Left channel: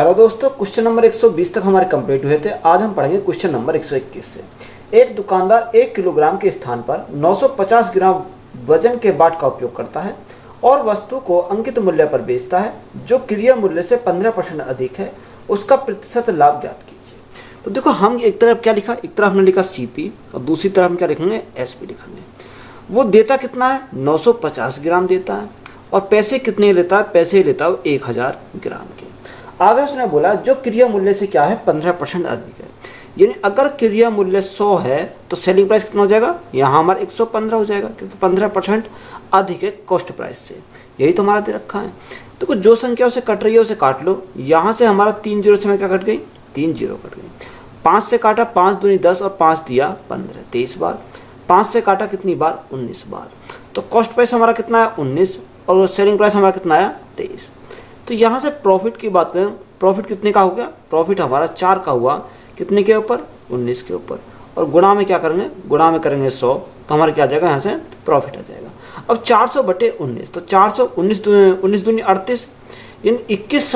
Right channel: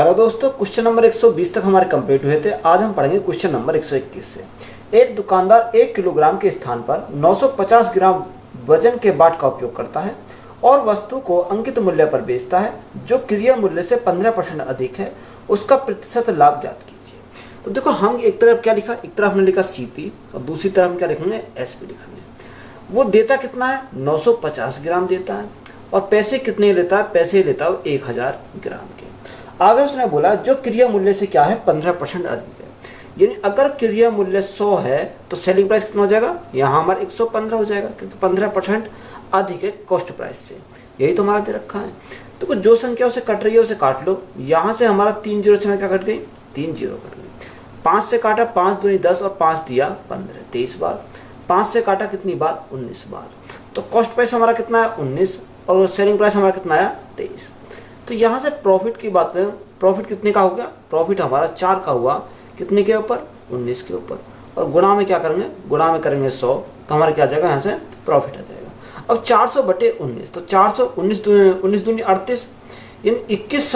Hello दोस्तों, question number 120 तक हमारे कंप्लीट हुए थे। आज हम पढ़ेंगे क्वेश्चन नंबर 121 से। एक दुकानदार 1 किलोग्राम के स्थान पर 950 ग्राम वजन के बाट का उपयोग करता है और वस्तु को अंकित मूल्य पर बेचता है जो क्रिया मूल्य से 15% अधिक है। उसका प्रतिशत लाभ ज्ञात कीजिए। तो देखो, हम एक तरफ क्या लिखा, एक तरफ हमने लिखा सीपी और दूसरी तरफ हम क्या लिखेंगे, एसपी लिखेंगे। वो देता कितना है, 950 ग्राम देता है और पैसे कितने लेता है, पैसे लेता है 1000 ग्राम के। आगे उसने बोला जो क्रिया मूल्य से क्या है, 15% अधिक है। यानी अगर क्रिया मूल्य 100 है तो सेलिंग प्राइस कितना हो जाएगा, यहाँ हमारा 115 हो जाएगा क्योंकि 15% अधिक है कॉस्ट प्राइस से। यही तो हमारा दे रखा है। तो कुछ जो संख्या उसे कट रही है उसे काट लो। यहाँ से हमारा 3 जीरो से क्या कट गई, 3 जीरो कट गई। 5 से काटा, 5 दूनी 10 और 5 दिया 15, 23 बार। 5 से काटा कितनी बार, 19 बार। तो कॉस्ट प्राइस हमारा कितना है, 19 और सेलिंग प्राइस हमारा कितना आया, 23। तो यहाँ से प्रॉफिट की बात करें, प्रॉफिट कितने का हो गया, प्रॉफिट हमारा 4 का हुआ, कितने के ऊपर, 19 के ऊपर। और गुणा में क्या करेंगे, गुणा में करेंगे 100, तो हमारा क्या आ जाएगा, यहाँ से प्रॉफिट आ जाएगा। अब 400 बटे 19, तो 419 19 दूनी 38, यानी 21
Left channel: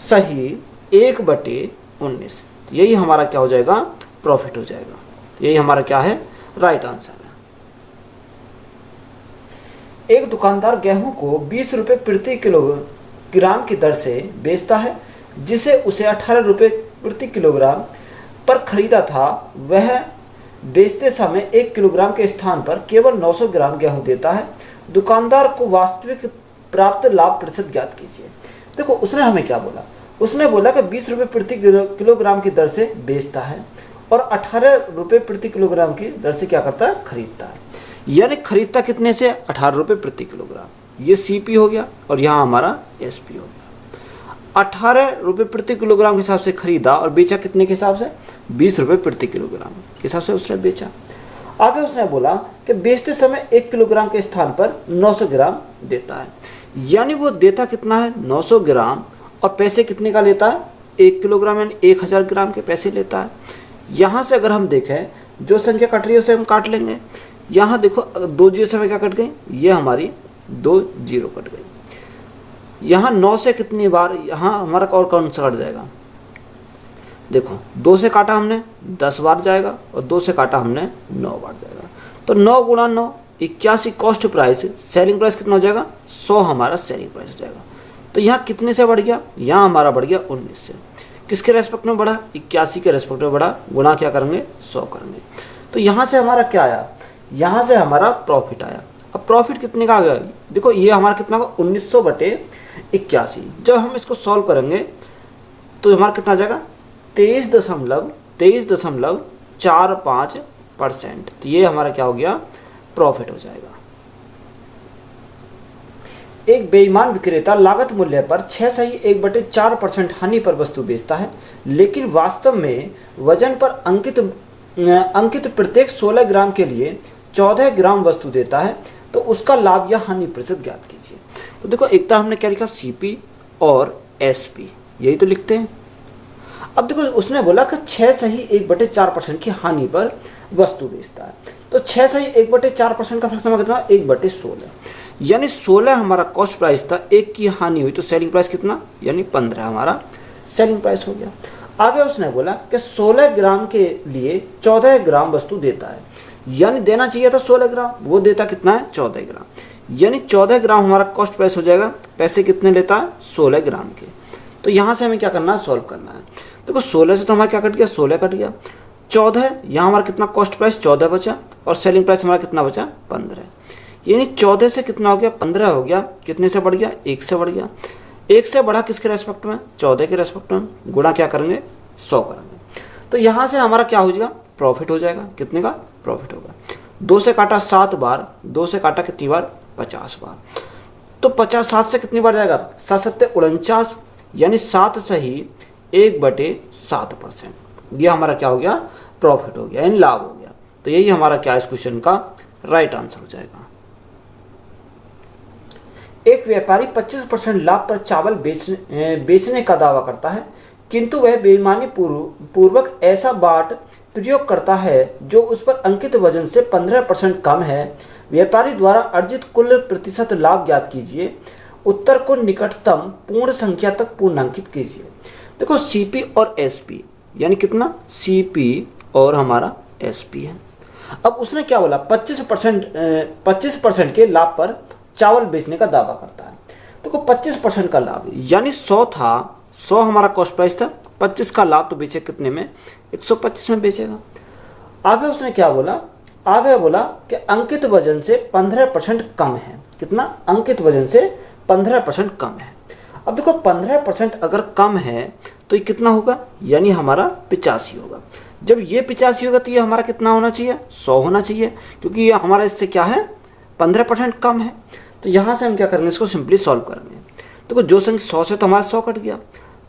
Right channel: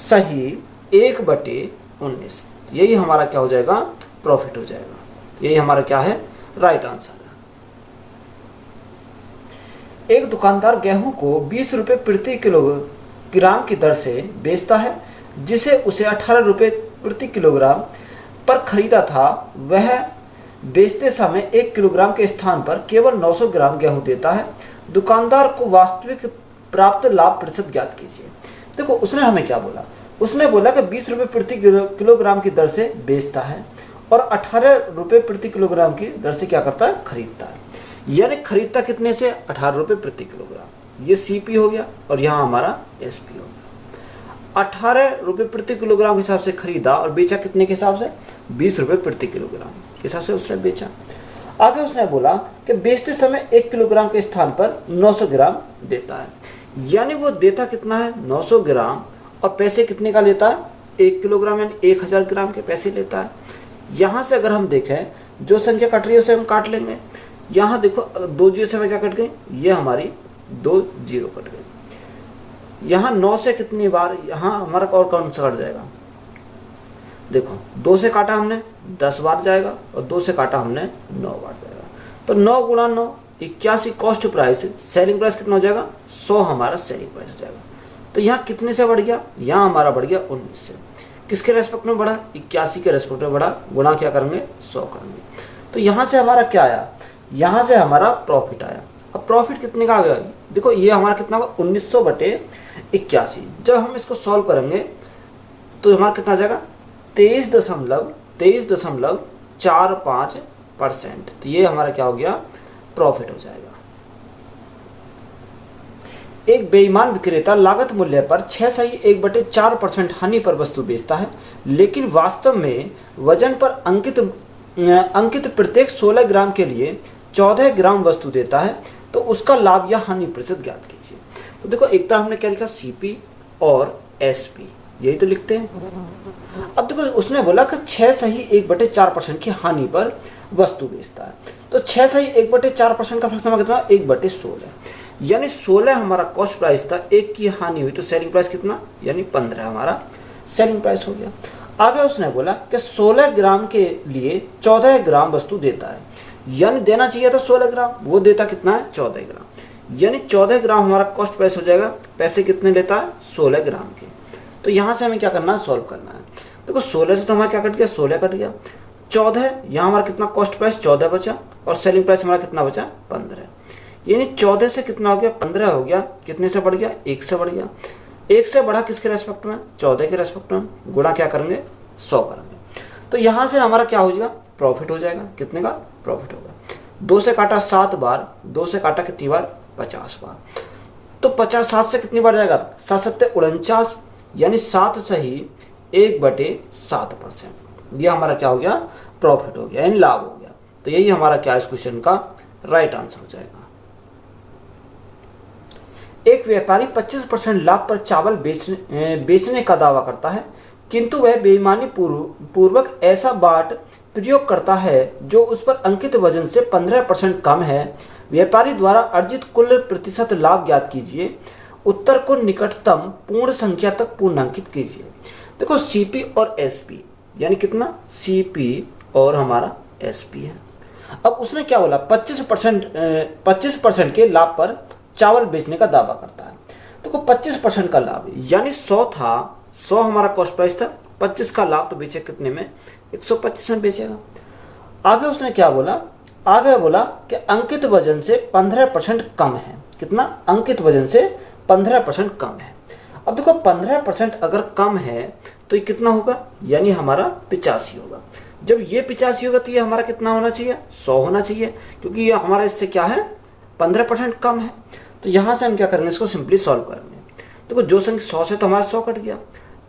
सही 1 बटे 19। यही हमारा क्या हो जाएगा, प्रॉफिट हो जाएगा। यही हमारा क्या है, राइट आंसर है। एक दुकानदार गेहूं को 20 रुपए प्रति किलोग्राम की दर से बेचता है जिसे उसे 18 रुपए प्रति किलोग्राम पर खरीदा था। वह बेचते समय 1 किलोग्राम के स्थान पर केवल 900 ग्राम गेहूं देता है। दुकानदार को वास्तविक प्राप्त लाभ प्रतिशत ज्ञात कीजिए। देखो, उसने हमें क्या बोला, उसने बोला कि 20 रुपए प्रति किलोग्राम की दर से बेचता है और 18 रुपए प्रति किलोग्राम की दर से क्या करता है, खरीदता है। यानी खरीदता कितने से, 18 रुपए प्रति किलोग्राम। ये सीपी हो गया और यहाँ हमारा एसपी हो गया। 18 रुपए प्रति किलोग्राम के हिसाब से खरीदा और बेचा कितने के हिसाब से, 20 रुपए प्रति किलोग्राम के हिसाब से उसने बेचा। आगे उसने बोला कि बेचते समय 1 किलोग्राम के स्थान पर 900 ग्राम देता है। यानी वो देता कितना है, 900 ग्राम और पैसे कितने का लेता है, 1 किलोग्राम यानी 1000 ग्राम के पैसे लेता है। यहाँ से अगर हम देखें जो संख्या कट रही है उसे हम काट लेंगे। यहाँ देखो 2 जीरो से क्या कट गई, ये हमारी 2 जीरो कट गई। यहाँ 9 से कितनी बार, यहाँ हमारा और कौन सा कट जाएगा, देखो 2 से काटा हमने 10 बार जाएगा और 2 से काटा हमने 9 बार जाएगा। तो 9 गुणा 9 81 कॉस्ट प्राइस, सेलिंग प्राइस कितना हो जाएगा, 100 हमारा सेलिंग प्राइस हो जाएगा। तो यहाँ कितने से बढ़ गया, यहाँ हमारा बढ़ गया 19 से। किसके रेस्पेक्ट में बढ़ा, 81 के रेस्पेक्ट में बढ़ा। गुणा क्या करेंगे, 100 करेंगे। तो यहाँ से हमारा क्या आया, यहाँ से हमारा प्रॉफिट आया। अब प्रॉफिट कितने का आ गया, देखो ये हमारा कितना होगा, 1900 बटे 81। जब हम इसको सॉल्व करेंगे तो हमारा कितना आ जाएगा, 23.45%। तो ये हमारा क्या हो गया, प्रॉफिट हो जाएगा। एक बेईमान विक्रेता लागत मूल्य पर 6 सही 1/4% हानि पर वस्तु बेचता है, लेकिन वास्तव में वजन पर अंकित प्रत्येक 16 ग्राम के लिए 14 ग्राम वस्तु देता है। तो उसका लाभ या हानि प्रतिशत ज्ञात कीजिए। तो देखो, एक तरह हमने क्या लिखा, सीपी और एसपी, यही तो लिखते हैं। अब देखो, उसने बोला कि 6 सही 1/4% की हानि पर वस्तु बेचता है। तो 6 सही 1/4% का फ्रैक्शन कितना, 1/16। यानी 16 हमारा कॉस्ट प्राइस था, 1 की हानि हुई तो सेलिंग प्राइस कितना, यानी 15 हमारा सेलिंग प्राइस हो गया। आगे उसने बोला कि 16 ग्राम के लिए 14 ग्राम वस्तु देता है। यानी देना चाहिए था 16 ग्राम, वो देता कितना है, 14 ग्राम। यानी 14 ग्राम हमारा कॉस्ट प्राइस हो जाएगा। पैसे कितने लेता है, 16 ग्राम के। तो यहाँ से हमें क्या करना है, सॉल्व करना है। देखो 16 से तो हमारा क्या कट गया, 16 कट गया। 14, यहाँ हमारा कितना कॉस्ट प्राइस 14 बचा और सेलिंग प्राइस हमारा कितना बचा, 15। यानी 14 से कितना हो गया, 15 हो गया। कितने से बढ़ गया, 1 से बढ़ गया। 1 से बढ़ा किसके रेस्पेक्ट में, 14 के रेस्पेक्ट में। गुणा क्या करेंगे, 100 करेंगे। तो यहाँ से हमारा क्या हो जाएगा, प्रॉफिट हो जाएगा। कितने का प्रॉफिट होगा, 2 से काटा 7 बार, 2 से काटा कितनी बार, 50 बार। तो 50, 7 से कितनी बार जाएगा, 7 7 49, यानी 7 सही 1/7%। ये हमारा क्या हो गया, प्रॉफिट हो गया, यानी लाभ हो गया। तो यही हमारा क्या इस क्वेश्चन का राइट आंसर हो जाएगा। एक व्यापारी 25% लाभ पर चावल बेचने का दावा करता है, किंतु वह बेईमानी पूर्वक ऐसा बाट प्रयोग करता है जो उस पर अंकित वजन से 15% कम है। व्यापारी द्वारा अर्जित कुल प्रतिशत लाभ ज्ञात कीजिए। उत्तर को निकटतम पूर्ण संख्या तक पूर्णांकित कीजिए। देखो सीपी और एसपी यानी कितना, सीपी और हमारा एसपी है। अब उसने क्या बोला, 25% के लाभ पर चावल बेचने का दावा करता है। देखो 25% का लाभ यानी 100 था, 100 हमारा कॉस्ट प्राइस था, 25 का लाभ तो बेचे कितने में, 125 में बेचेगा। आगे उसने क्या बोला, आगे बोला कि अंकित वजन से 15% कम है। कितना, अंकित वजन से 15% कम है। अब देखो 15% अगर कम है तो ये कितना होगा, यानी हमारा 85 होगा। जब ये 85 होगा तो ये हमारा कितना होना चाहिए, 100 होना चाहिए, क्योंकि ये हमारा इससे क्या है, 15% कम है। तो यहाँ से हम क्या करेंगे, इसको सिंपली सॉल्व करेंगे। देखो जो संख्या 100 से तो हमारा 100 कट गया,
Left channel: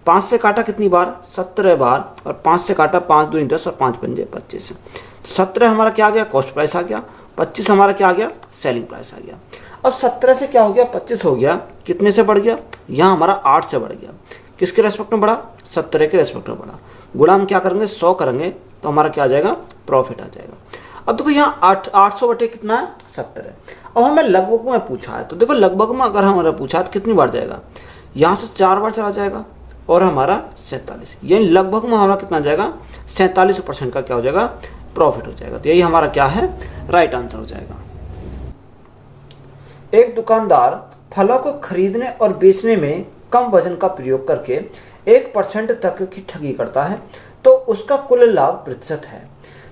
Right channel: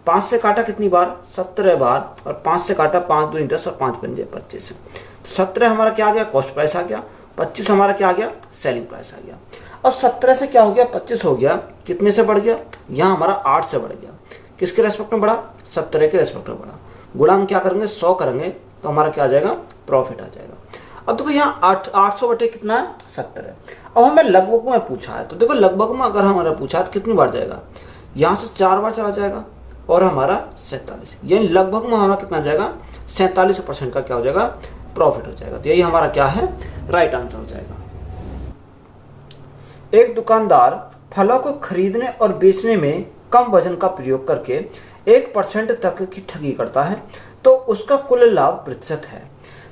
5 से काटा कितनी बार, 17 बार, और 5 से काटा 5 दूनी 10 और 5 पंजे 25। तो 17 हमारा क्या आ गया, कॉस्ट प्राइस आ गया, 25 हमारा क्या आ गया, सेलिंग प्राइस आ गया। अब 17 से क्या हो गया, 25 हो गया, कितने से बढ़ गया, यहाँ हमारा 8 से बढ़ गया। किसके रेस्पेक्ट में बढ़ा, 17 के रेस्पेक्ट में बढ़ा। गुणा हम क्या करेंगे, 100 करेंगे तो हमारा क्या आ जाएगा, प्रॉफिट आ जाएगा। अब देखो यहाँ 800 बटे कितना है, 70 है। अब हमें लगभग में पूछा है, तो देखो लगभग में अगर हमारा पूछा है तो कितनी बार जाएगा, यहाँ से 4 बार चला जाएगा और हमारा 47, यानी लगभग में हमारा कितना जाएगा, 47% का क्या हो जाएगा, प्रॉफिट हो जाएगा। तो यही हमारा क्या है, राइट आंसर हो जाएगा। एक दुकानदार फलों को खरीदने और बेचने में कम वजन का प्रयोग करके 1% तक की ठगी करता है, तो उसका कुल लाभ प्रतिशत है।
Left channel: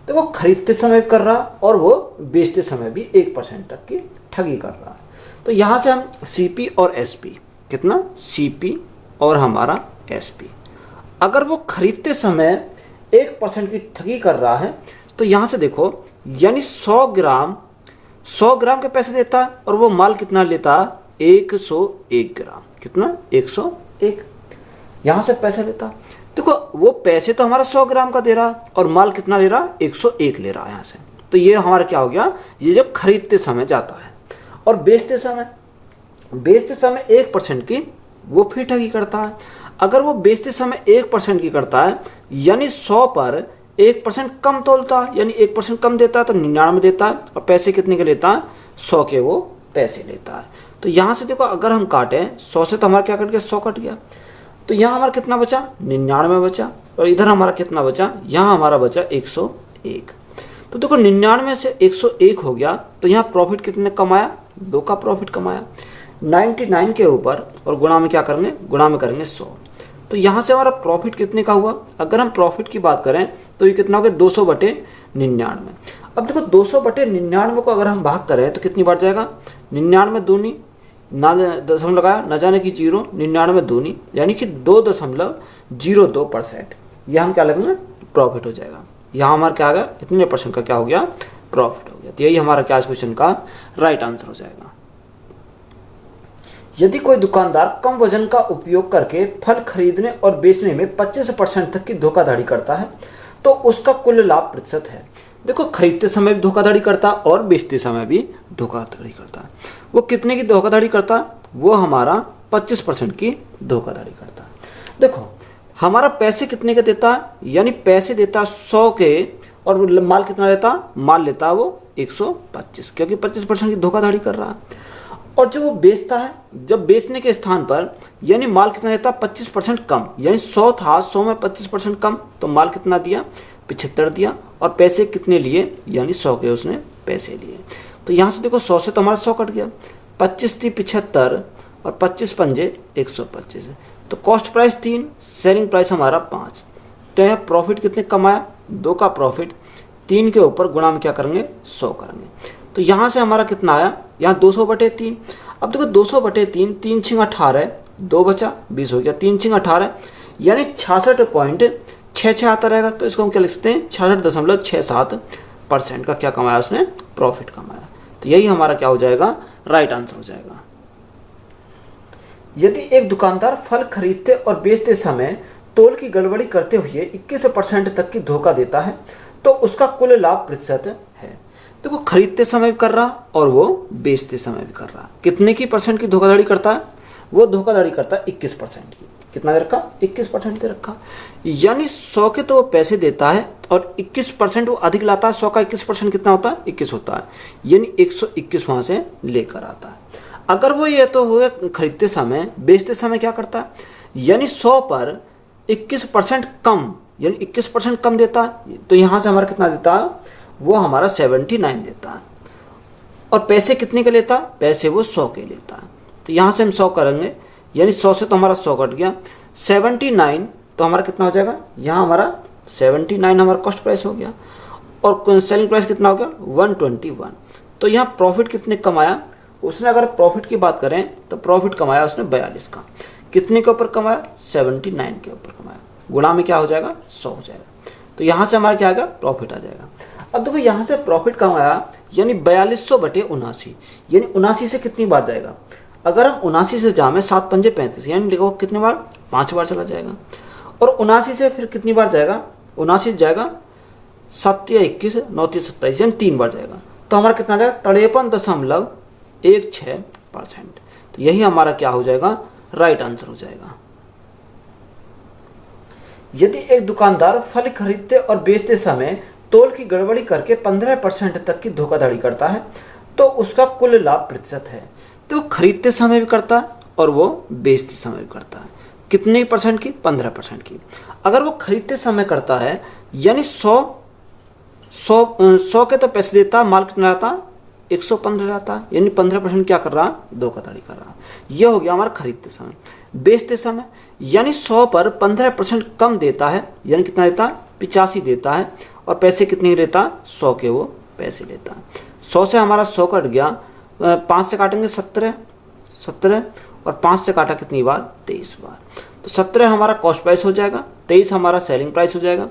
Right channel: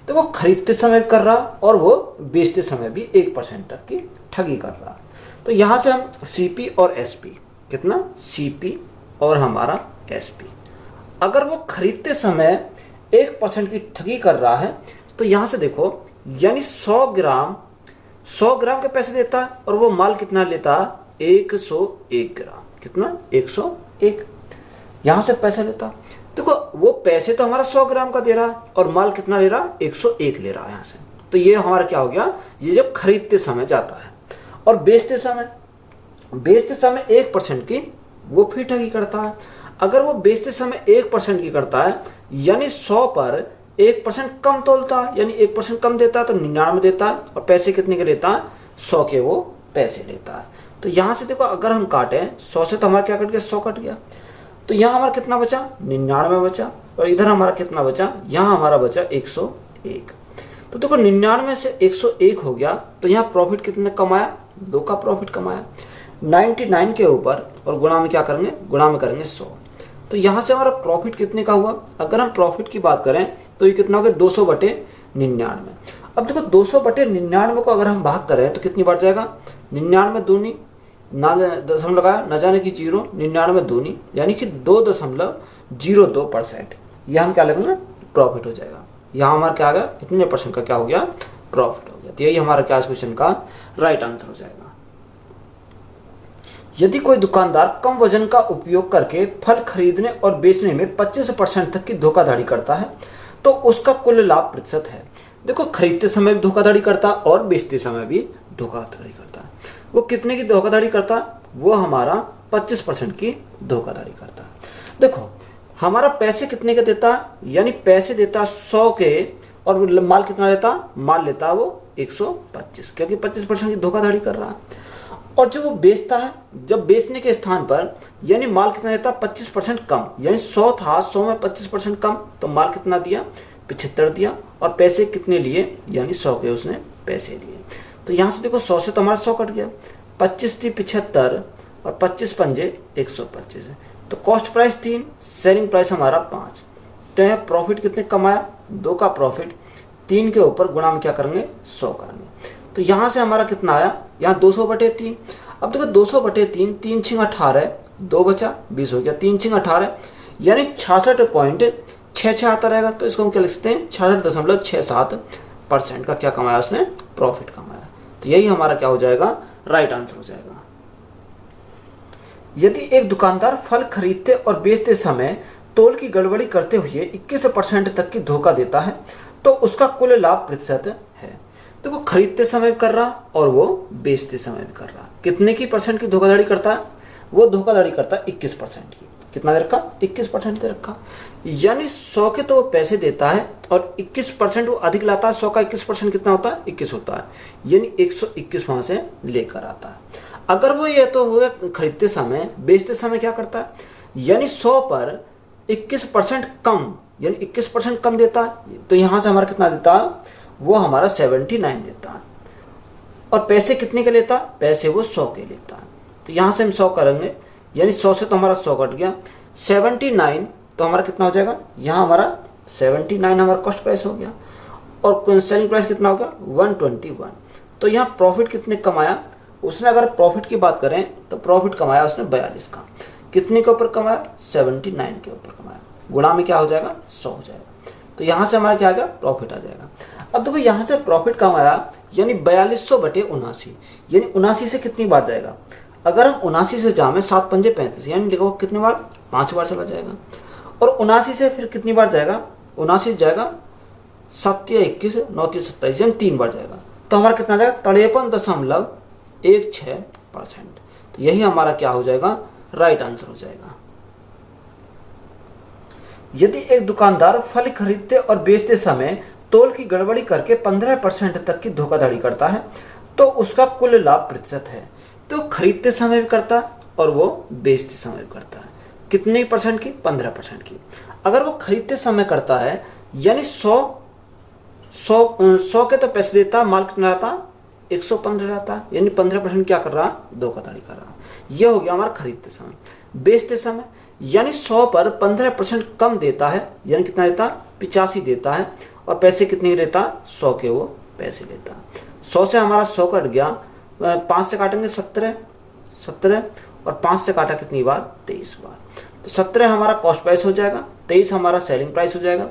तो वो खरीदते समय कर रहा और वो बेचते समय भी 1% तक की ठगी कर रहा। तो यहां से हम सीपी और एसपी, कितना, सीपी और हमारा एसपी, अगर वो खरीदते समय 1% की ठगी कर रहा है तो यहां से देखो, यानी 100 ग्राम के पैसे देता है और वो माल कितना लेता है, 101 ग्राम, कितना, 101, यहां से पैसा लेता। देखो वो पैसे तो हमारा 100 ग्राम का दे रहा और माल कितना ले रहा, 101 ले रहा है यहाँ से। तो ये हमारा क्या हो गया, ये जो खरीदते समय जाता है। और बेचते समय 1% की वो फिर ठगी करता है। अगर वो बेचते समय 1% की करता है, यानी 100 पर 1% कम तोलता है, यानी 1% कम देता है तो 99 देता है, और पैसे कितने के लेता है, 100 के वो पैसे लेता है। तो यहां से देखो अगर हम काटे 100 से तो हमारा क्या कट गया, 100 कट गया, तो यहाँ हमारा कितना बचा, 99 बचा, और इधर हमारा कितना बचा, यहाँ हमारा बचा 101। तो देखो 99 से 101 हो गया, तो यहाँ प्रॉफिट कितने कमाया, 2 का प्रॉफिट कमाया। 99 के ऊपर और गुणा में क्या करेंगे, गुणा में करेंगे 100। तो यहाँ से हमारा प्रॉफिट कितने का हुआ, अगर हम प्रॉफिट की बात करें तो ये कितना हो गया, 200 बटे 99। अब देखो 200 बटे 99 को अगर हम भाग करें तो कितनी बार जाएगा, 99 दूनी, ना दशमलव लगाया, न जाने की 0, 99 दूनी, यानी कि 2.02%, यह हम क्या लगेंगे, प्रॉफिट हो जाएगा। यहाँ हमारा क्या आ गया, इतने % का क्या हो गया, प्रॉफिट हो गया। तो यही हमारा क्या क्वेश्चन का राइट आंसर हो जाएगा। यदि कोई दुकानदार कम वजन का उपयोग करके फल खरीदने और बेचने में 25% तक की धोखाधड़ी करता है, तो उसका कुल लाभ प्रतिशत है। देखो खरीदते समय भी धोखाधड़ी करता है और बेचते समय भी धोखाधड़ी करता है। वो कितने की धोखाधड़ी करता है, वो हमारा 25% की धोखाधड़ी करता है। देखो हमारा पैसे कितने के देता है, यानी पैसे देता है 100 के, और माल कितना लेता, माल लेता है वो 125, क्योंकि 25% की धोखाधड़ी कर रहा है। और जो वो बेचता है, जब बेचने के स्थान पर यानी माल कितना देता है, 25% कम, यानी 100 था, 100 में 25% कम, तो माल कितना दिया, 75 दिया, और पैसे कितने लिए, यानी 100 के उसने पैसे लिए। तो यहाँ से देखो 100 से तो हमारा 100 कट गया, 25 थी 75 और 25 पंजे 125 है। तो कॉस्ट प्राइस 3, सेलिंग प्राइस हमारा 5। तो यहाँ प्रॉफिट कितने कमाया, 2 का प्रॉफिट, 3 के ऊपर गुणा में क्या करेंगे, 100 करेंगे। तो यहाँ से हमारा कितना आया, यहाँ 200 बटे 3। अब देखो 200 बटे 3, 3 छिंग 18, 2 बचा 20 हो गया, 3 छिंग 18, यानी 66.66 आता रहेगा। तो इसको हम क्या लिख सकते हैं, 66.67% का क्या कमाया उसने, प्रॉफिट कमाया। तो यही हमारा क्या हो जाएगा, राइट आंसर हो जाएगा। यदि एक दुकानदार फल खरीदते और बेचते समय तोल की गड़बड़ी करते हुए 21% तक की धोखा देता है, तो उसका कुल लाभ प्रतिशत है। देखो खरीदते समय भी कर रहा और वो बेचते समय भी कर रहा, कितने की % की धोखाधड़ी करता है, वो धोखाधड़ी करता है 21% की। कितना दे रखा, 21% दे रखा, यानी 100 के तो वो पैसे देता है और 21% वो अधिक लाता है। 100 का 21% कितना होता है, 21 होता है, यानी 121 वहां से लेकर आता है। अगर वो ये तो हुए खरीदते समय, बेचते समय क्या करता है, यानी 100 पर 21% कम, यानी 21% कम देता है, तो यहां से हमारा कितना देता है, वो हमारा 79 देता है। और पैसे कितने के लेता, पैसे वो 100 के लेता है। तो यहां से हम 100 करेंगे, यानी 100 से तो हमारा 100 कट गया, 79 तो हमारा कितना हो जाएगा, यहाँ हमारा 79 हमारा कॉस्ट प्राइस हो गया, और सेलिंग प्राइस कितना हो गया 121। तो यहाँ प्रॉफिट कितने कमाया उसने, अगर प्रॉफिट की बात करें तो प्रॉफिट कमाया उसने 42 का। कितने के ऊपर कमाया, 79 के ऊपर कमाया, गुणा में क्या हो जाएगा 100 हो जाएगा। तो यहाँ से हमारा क्या आएगा, प्रॉफिट आ जाएगा। अब देखो यहाँ से प्रॉफिट कमाया यानी 4200 बटे 79, यानी 79 से कितनी बार जाएगा, अगर हम 79 से जामे 7 पंजे 35, यानी देखो कितनी बार, 5 बार चला जाएगा। और 79 से फिर कितनी बार जाएगा, 79 जाएगा 7 या 21, 9 27, यानी 3 बार जाएगा। तो हमारा कितना जाएगा 53.16%। तो यही हमारा क्या हो जाएगा, राइट आंसर हो जाएगा। यदि एक दुकानदार फल खरीदते और बेचते समय तोल की गड़बड़ी करके 15% तक की धोखाधड़ी करता है तो उसका कुल लाभ प्रतिशत है। तो खरीदते समय भी करता है और वो बेचते समय भी करता है। कितने परसेंट की, 15% की। अगर वो खरीदते समय करता है यानी 100 के तो पैसे देता, माल कितना रहता, 115 रहता, यानी 15% क्या कर रहा, धोखाधड़ी कर रहा। यह हो गया हमारा खरीदते समय। बेचते समय यानी 100 पर 15% कम देता है, यानी कितना देता, 85 देता है, और पैसे कितने लेता, 100 के वो पैसे लेता। 100 से हमारा 100 कट गया, 5 से काटेंगे 17, और 5 से काटा कितनी बार, 23 बार। तो 17 हमारा कॉस्ट प्राइस हो जाएगा, 23 हमारा सेलिंग प्राइस हो जाएगा।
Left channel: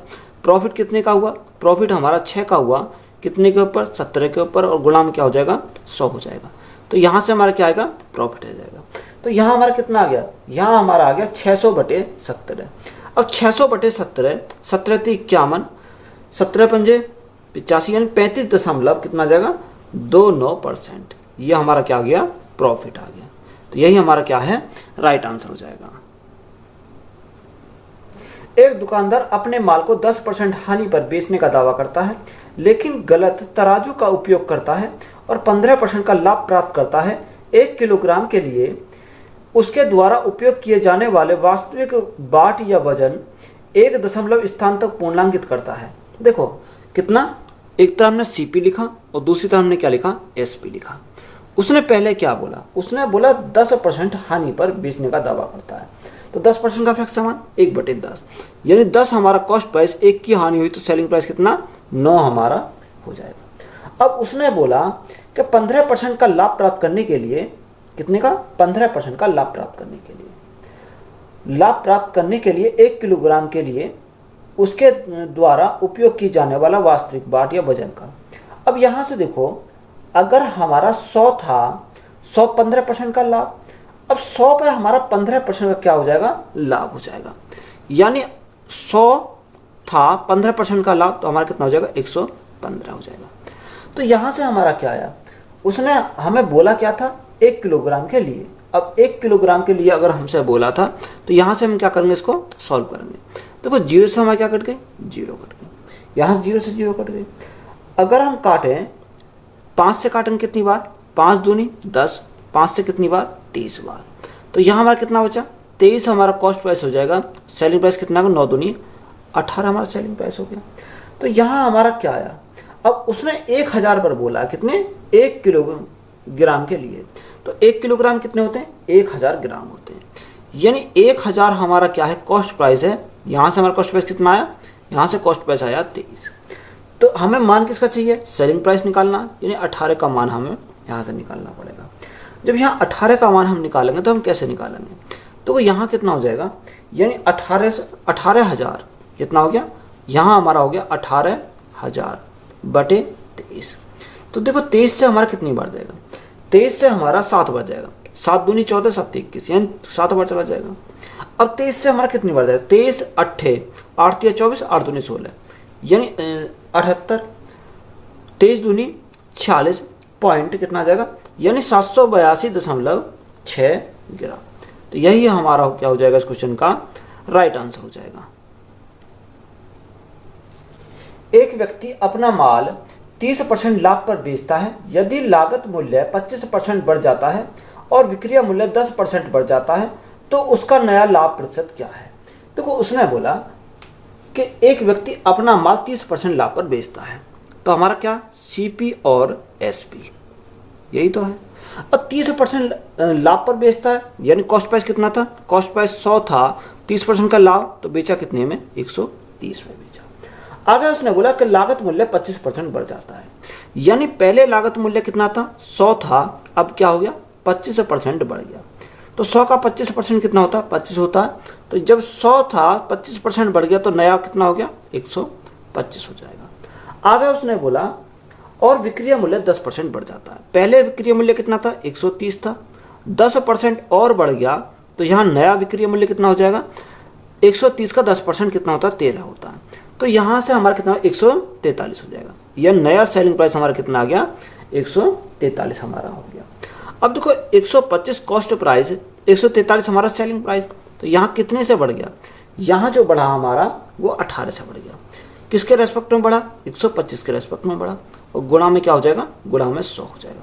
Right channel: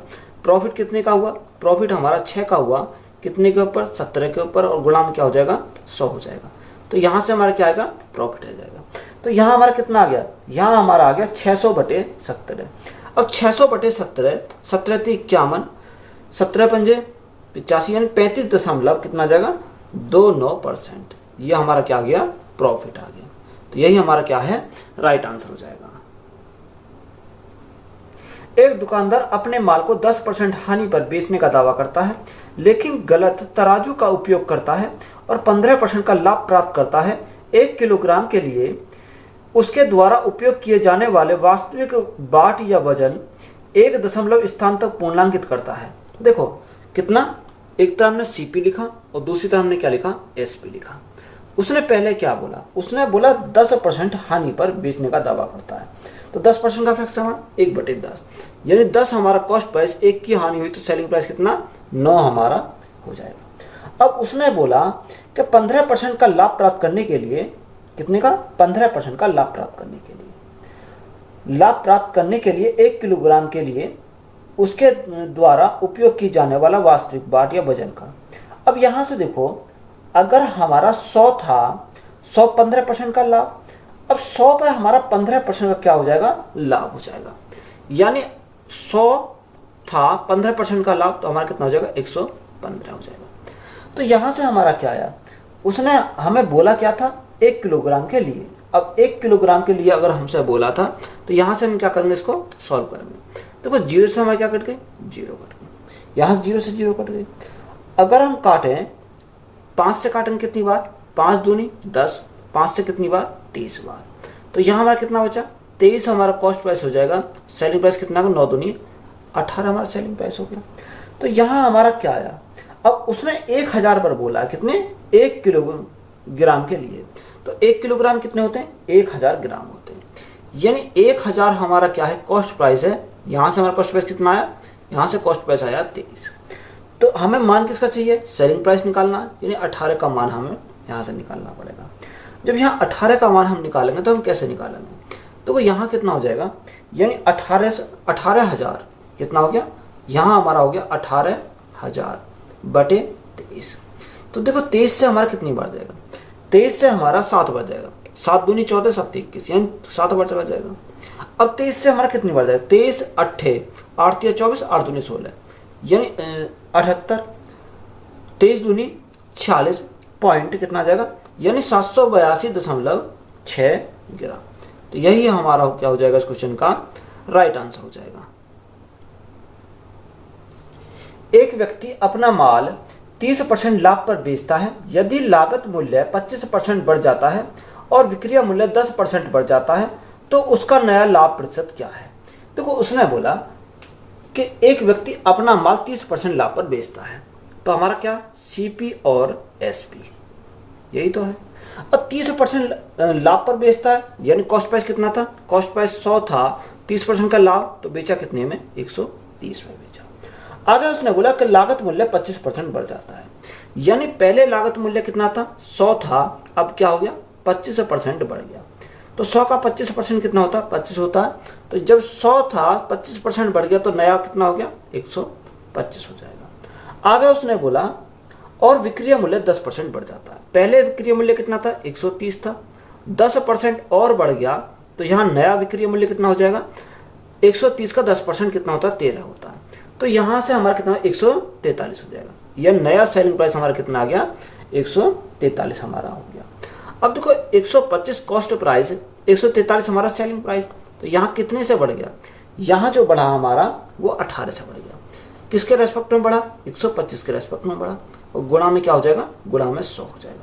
प्रॉफिट कितने का हुआ, प्रॉफिट हमारा 6 का हुआ, कितने के ऊपर, 17 के ऊपर, और गुणा में क्या हो जाएगा 100 हो जाएगा। तो यहां से हमारा क्या आएगा, प्रॉफिट आ जाएगा। तो यहां हमारा कितना आ गया, यहां हमारा आ गया 600 बटे 17। अब 600 बटे 17, 17 × 51, 17 पंजे 85, यानी 35 कितना आ जाएगा 29%। ये हमारा क्या आ गया, प्रॉफिट आ गया। तो यही हमारा क्या है, राइट आंसर हो जाएगा। एक दुकानदार अपने माल को 10% हानि पर बेचने का दावा करता है, लेकिन गलत तराजू का उपयोग करता है और 15% का लाभ प्राप्त करता है। 1 किलोग्राम के लिए उसके द्वारा उपयोग किए जाने वाले वास्तविक बाट या वजन 1 दशमलव स्थान तक पूर्णांकित करता है। देखो कितना, एक तरफ हमने सीपी लिखा और दूसरी तरफ हमने क्या लिखा, एसपी लिखा। उसने पहले क्या बोला, उसने बोला 10% हानि पर बेचने का दावा करता है। तो 10% का फ्रैक्शन समान 1/10, यानी 10 हमारा कॉस्ट प्राइस, 1 की हानि हुई तो सेलिंग प्राइस कितना 9 हमारा हो जाएगा। अब उसने बोला कि 15% का लाभ प्राप्त करने के लिए, कितने का, 15% का लाभ प्राप्त करने के लिए 1 किलोग्राम के लिए उसके द्वारा उपयोग की जाने वाला वास्तविक बाट या वजन का। अब यहां से देखो, अगर हमारा 100 था, 100 15% का लाभ, अब 100 पर हमारा 15% का क्या हो जाएगा, लाभ हो जाएगा। यानी 100 था, 15% का लाभ, तो हमारा कितना हो जाएगा 115 हो जाएगा। तो यहां से हमारा क्या आया, उसने हमें बोला क्या था, 1 किलोग्राम के लिए। अब 1 किलोग्राम के लिए अगर हमसे बोला था तो यहां से हम क्या करेंगे, इसको सॉल्व करेंगे। देखो 0 से हमारा क्या कट गई, 0 कट गई, यहां 0 से 0 कट गई। अगर हम काटें 5 से काटेंगे कितनी बार, 5 दूनी 10, 5 से कितनी बार, 23 बार। तो यहां हमारा कितना बचा, 23 हमारा कॉस्ट प्राइस हो जाएगा। सेलिंग प्राइस कितना, 9 दूनी 18 हमारा सेलिंग प्राइस हो गया। तो यहां हमारा क्या आया, अब उसने 1000 पर बोला, कितने, 1 किलोग्राम के लिए। तो 1 किलोग्राम कितने होते हैं, 1000 ग्राम होते हैं, यानी 1000 हमारा क्या है, कॉस्ट प्राइस है। यहां से हमारा कॉस्ट प्राइस कितना आया, यहां से कॉस्ट प्राइस आया 23। तो हमें मान किसका चाहिए, सेलिंग प्राइस निकालना, यानी 18 का मान हमें यहां से निकालना पड़ेगा। जब यहाँ 18 का मान हम निकालेंगे तो हम कैसे निकालेंगे, तो यहाँ कितना हो जाएगा, यानी 18,000 कितना हो गया, यहाँ हमारा हो गया 18,000 बटे 23। तो देखो 23 से हमारा कितनी बार जाएगा, 23 से हमारा 7 बार जाएगा, 7 दूनी 14, 7 21, यानी 7 बार चला जाएगा। अब 23 से हमारा कितनी बार जाएगा, 23 8 8 24, 8 दूनी 16, यानी 78, 23 दूनी 46 पॉइंट कितना जाएगा, यानी 782.6 ग्राम। तो यही हमारा क्या हो जाएगा, इस क्वेश्चन का राइट आंसर हो जाएगा। एक व्यक्ति अपना माल 30% लाभ पर बेचता है। यदि लागत मूल्य 25% बढ़ जाता है और विक्रय मूल्य 10% बढ़ जाता है तो उसका नया लाभ प्रतिशत क्या है। देखो उसने बोला कि एक व्यक्ति अपना माल 30% लाभ पर बेचता है, तो हमारा क्या सीपी और एसपी यही तो है। अब 30% लाभ पर बेचता है, यानी कॉस्ट प्राइस कितना था, कॉस्ट प्राइस 100 था, 30% का लाभ, तो बेचा कितने में 130 में बेचा। आगे उसने बोला कि लागत मूल्य 25% बढ़ जाता है, यानी पहले लागत मूल्य कितना था 100 था, अब क्या हो गया 25% बढ़ गया। तो 100 का 25% कितना होता 25 होता, तो जब 100 था 25% बढ़ गया तो नया कितना हो गया 125 हो जाएगा। आगे उसने बोला और विक्रय मूल्य 10% बढ़ जाता है, पहले विक्रय मूल्य कितना था 130 था, 10% और बढ़ गया तो यहाँ नया विक्रय मूल्य कितना हो जाएगा 130 का 10% कितना होता है 13 होता है, तो यहाँ से हमारा कितना 143 हो जाएगा। यह नया सेलिंग प्राइस हमारा कितना आ गया 143 हमारा हो गया। अब देखो 125 कॉस्ट प्राइस, 143 हमारा सेलिंग प्राइस, तो यहाँ कितने से बढ़ गया, यहाँ जो बढ़ा हमारा वो 18 से बढ़ गया। किसके रेस्पेक्ट में बढ़ा 125 के रेस्पेक्ट में बढ़ा, और गुणा में क्या हो जाएगा गुणा में 100 हो जाएगा।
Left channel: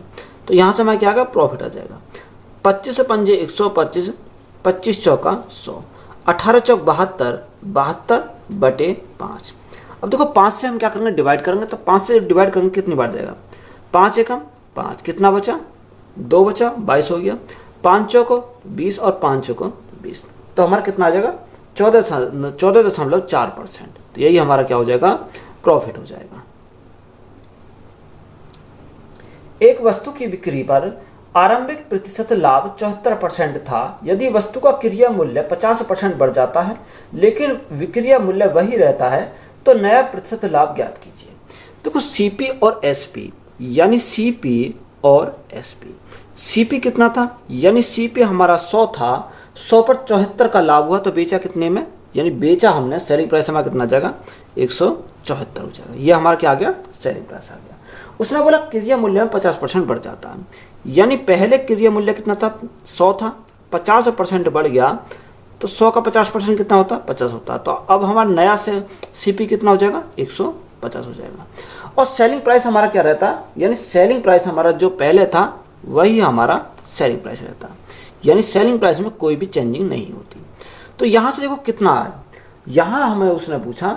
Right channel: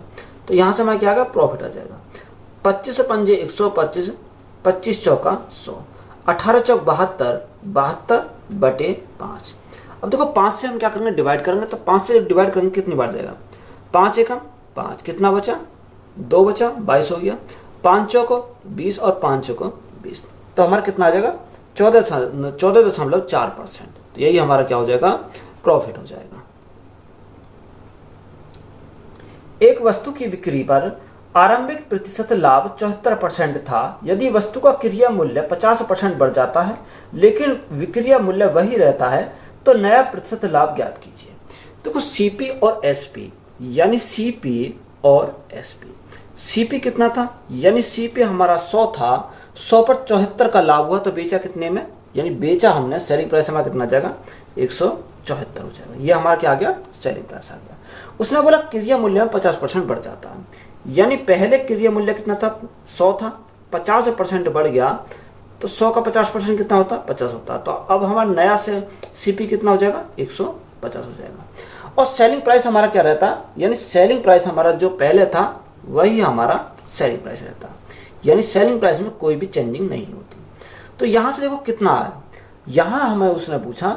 तो यहाँ से हमारा क्या आ गया प्रॉफिट आ जाएगा 25 से पंजे 125, 25 चौका 100, 18 चौक 72, 72 बटे 5। अब देखो 5 से हम क्या करेंगे डिवाइड करेंगे, तो 5 से डिवाइड करेंगे कितनी बार जाएगा 5 एकम 5, कितना बचा 2 बचा 22 हो गया, 5 चौको 20 और 5 चौको 20, तो हमारा कितना आ जाएगा 14.4%। तो यही हमारा क्या हो जाएगा प्रॉफिट हो जाएगा। एक वस्तु की बिक्री पर आरंभिक प्रतिशत लाभ 74% था। यदि वस्तु का क्रय मूल्य 50% बढ़ जाता है लेकिन विक्रय मूल्य वही रहता है तो नया प्रतिशत लाभ ज्ञात कीजिए। देखो सीपी और एसपी, यानी सीपी और एसपी, सीपी कितना था यानी सीपी हमारा 100 था, 100 पर 74 का लाभ हुआ तो बेचा कितने में, यानी बेचा हमने, सेलिंग प्राइस हमारा कितना जाएगा 174 हो जाएगा। ये हमारा क्या आ गया सेलिंग प्राइस आ गया। उसने बोला क्रय मूल्य में 50% बढ़ जाता है, यानी पहले क्रय मूल्य कितना था 100 था, 50% बढ़ गया तो 100 का 50% कितना होता 50 होता, तो अब हमारा नया से सीपी कितना हो जाएगा 150 हो जाएगा। और सेलिंग प्राइस हमारा क्या रहता है, यानी सेलिंग प्राइस हमारा जो पहले था वही हमारा सेलिंग प्राइस रहता है, यानी सेलिंग प्राइस में कोई भी चेंजिंग नहीं होती। तो यहां से देखो कितना है, यहां हमें उसने पूछा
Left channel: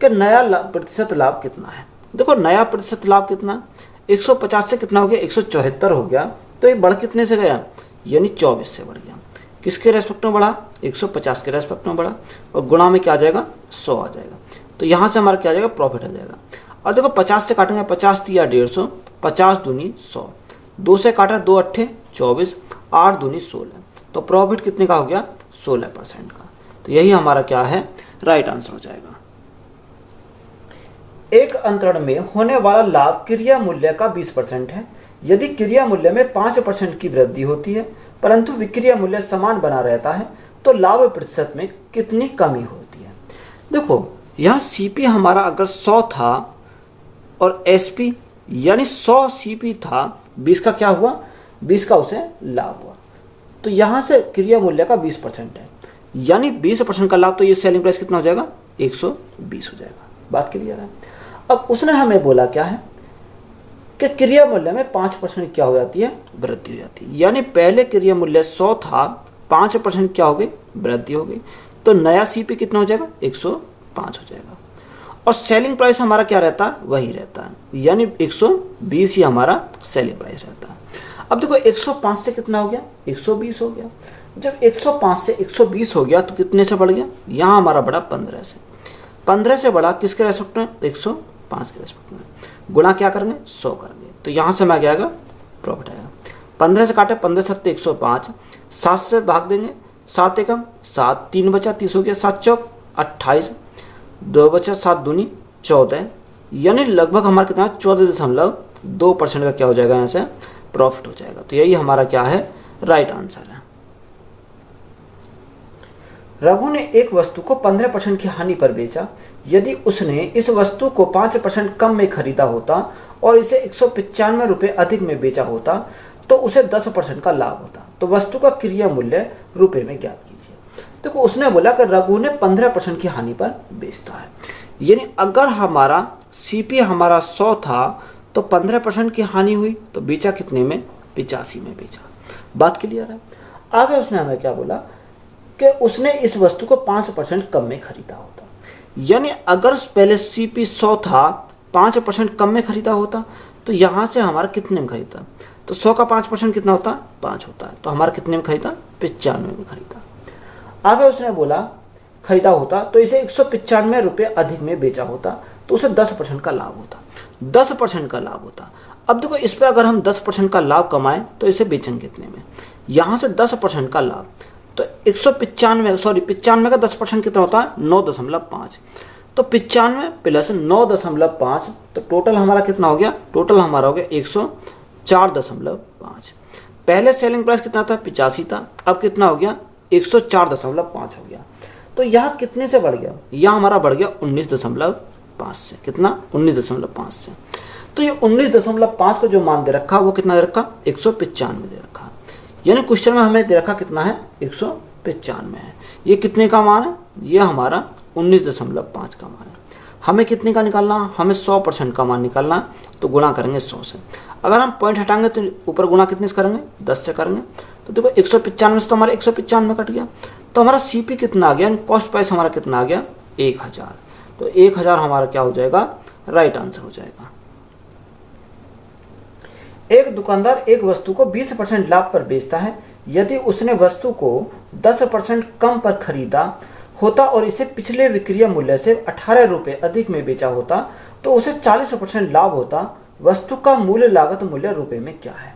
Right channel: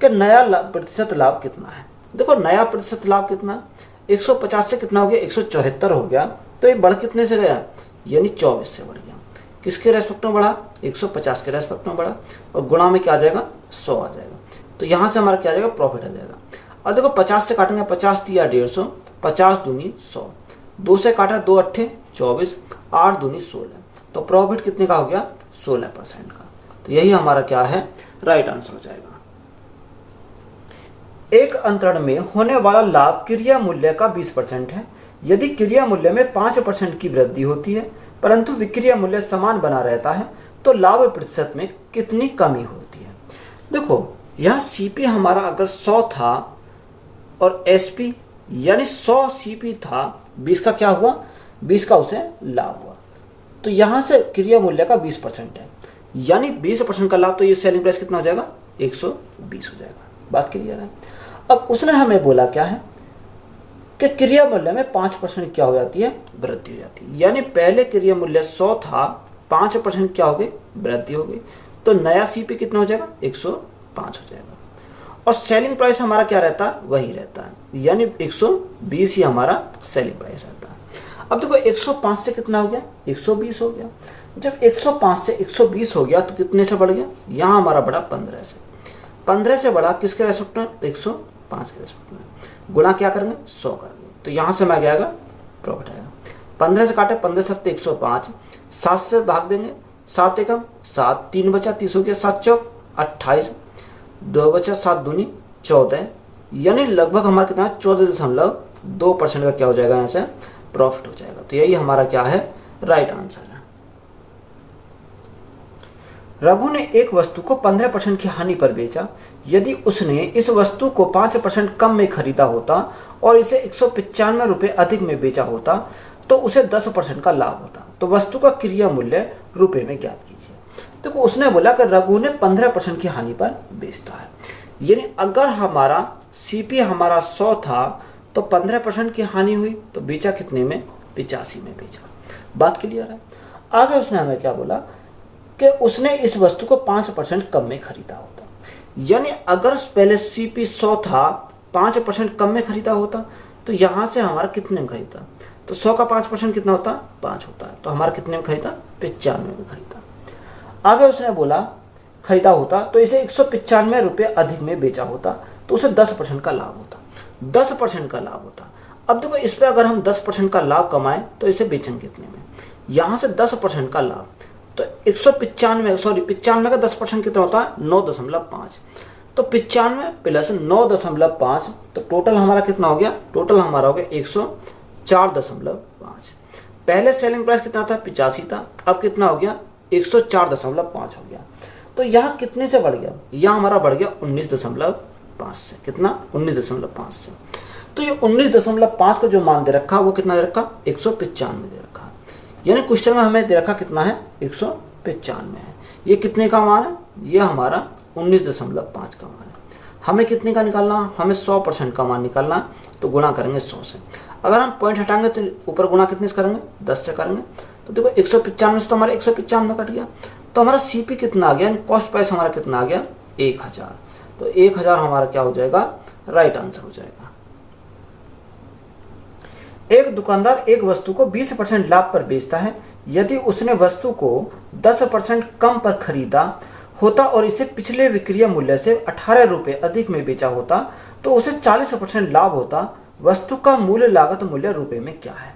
कि नया प्रतिशत लाभ कितना है। देखो नया प्रतिशत लाभ कितना 150 से कितना हो गया 174 हो गया, तो ये बढ़ कितने से गया यानी 24 से बढ़ गया। किसके रेस्पेक्ट में बढ़ा 150 के रेस्पेक्ट में बढ़ा, और गुणा में क्या आ जाएगा 100 आ जाएगा। तो यहां से हमारा क्या आ जाएगा प्रॉफिट आ जाएगा। और देखो 50 से काटेंगे 50 तिया 150, 50 दूनी 100, 2 से काटा 2 अट्ठे 24, 8 दूनी 16, तो प्रॉफिट कितने का हो गया 16% का। तो यही हमारा क्या है राइट आंसर हो जाएगा। एक अंतरण में होने वाला लाभ क्रय मूल्य का 20% है। यदि क्रय मूल्य में 5% की वृद्धि होती है परंतु विक्रय मूल्य समान बना रहता है तो लाभ प्रतिशत में कितनी कमी होती है। देखो यह सीपी हमारा अगर 100 था और एसपी यानी 100 सीपी था, 20 का क्या हुआ 20 का उसे लाभ हुआ, तो यहां से क्रय मूल्य का 20% है, यानी 20% का लाभ, तो ये सेलिंग प्राइस कितना हो जाएगा 120 हो जाएगा। बात क्लियर है। अब उसने हमें बोला क्या है कि क्रय मूल्य में 5% क्या हो जाती है वृद्धि हो जाती है, यानी पहले क्रय मूल्य 100 था, 5% क्या हो गई वृद्धि हो गई, तो नया सीपी कितना हो जाएगा 105 हो जाएगा। और सेलिंग प्राइस हमारा क्या रहता है वही रहता है, यानी 120 ही हमारा सेलिंग प्राइस रहता है। अब देखो 105 से कितना हो गया 120 हो गया। जब 105 से 120 हो गया तो कितने से बढ़ गया, यहां हमारा बढ़ा 15 से, 15 से बढ़ा किसके रेस्पेक्ट में 105 के रेस्पेक्ट में, गुणा क्या करेंगे 100 करेंगे, तो यहां से मैं क्या आएगा प्रॉफिट आएगा। 15 से काटे 15 सत्ते 105, 7 से भाग देंगे 7 एकम 7, 3 बचा 30 हो गया, 7 चौक 28, 2 बचा 7 दूनी 14, यानी लगभग हमारा कितना 14.2% का क्या हो जाएगा यहाँ से प्रॉफिट हो जाएगा। तो यही हमारा क्या है राइट आंसर है। रघु ने एक वस्तु को 15% की हानि पर बेचा। यदि उसने इस वस्तु को 5% कम में खरीदा होता और इसे 195 रुपये अधिक में बेचा होता तो उसे 10% का लाभ होता। तो वस्तु का क्रय मूल्य रुपए में ज्ञात कीजिए। देखो उसने बोला कि रघु ने 15% की हानि पर बेचता है, यानी अगर हमारा सीपी हमारा 100 था तो 15% की हानि हुई तो बेचा कितने में 85 में बेचा। बात क्लियर है। आगे उसने हमें क्या बोला कि उसने इस वस्तु को 5% कम में खरीदा होता। यानी अगर पहले सीपी 100 था, 5% कम में खरीदा होता, तो यहां से हमारा कितने में खरीदा, तो 100 का 5% कितना होता, 5 होता। तो हमारा कितने में खरीदा, 95 में खरीदा। आगे उसने बोला खरीदा होता तो इसे 195 रुपये अधिक में बेचा होता, तो उसे 10% का लाभ होता, 10% का लाभ होता। अब देखो इस पर अगर हम 10% का लाभ कमाएं तो इसे बेचेंगे कितने में, यहां से 10% का लाभ, तो 95 का 10% कितना होता है, 9.5। तो 95 प्लस 9.5, तो टोटल हमारा कितना हो गया, टोटल हमारा हो गया 104.5। पहले सेलिंग प्राइस कितना था, 85 था, अब कितना हो गया, 104.5 हो गया। तो यहाँ कितने से बढ़ गया, यहाँ हमारा बढ़ गया 19.5 से, कितना, 19.5 से। तो ये 19.5 को जो मान दे रखा वो कितना दे रखा, 195 दे रखा। यानी क्वेश्चन में हमें दे रखा कितना है, 195 है। ये कितने का मान है, ये हमारा 19.5 का मान है। हमें कितने का निकालना, हमें 100% का मान निकालना, तो गुणा करेंगे 100 से। अगर हम पॉइंट हटाएंगे तो ऊपर गुणा कितने से करेंगे, 10 से करेंगे। तो देखो 195 से तो हमारा 195 कट गया, तो हमारा सीपी कितना आ गया, कॉस्ट प्राइस हमारा कितना आ गया, 1000। तो 1000 हमारा क्या हो जाएगा, राइट आंसर हो जाएगा। एक दुकानदार एक वस्तु को 20% लाभ पर बेचता है। यदि उसने वस्तु को 10% कम पर खरीदा होता और इसे पिछले विक्रय मूल्य से 18 रुपये अधिक में बेचा होता, तो उसे 40% लाभ होता। वस्तु का मूल्य लागत मूल्य रुपए में क्या है।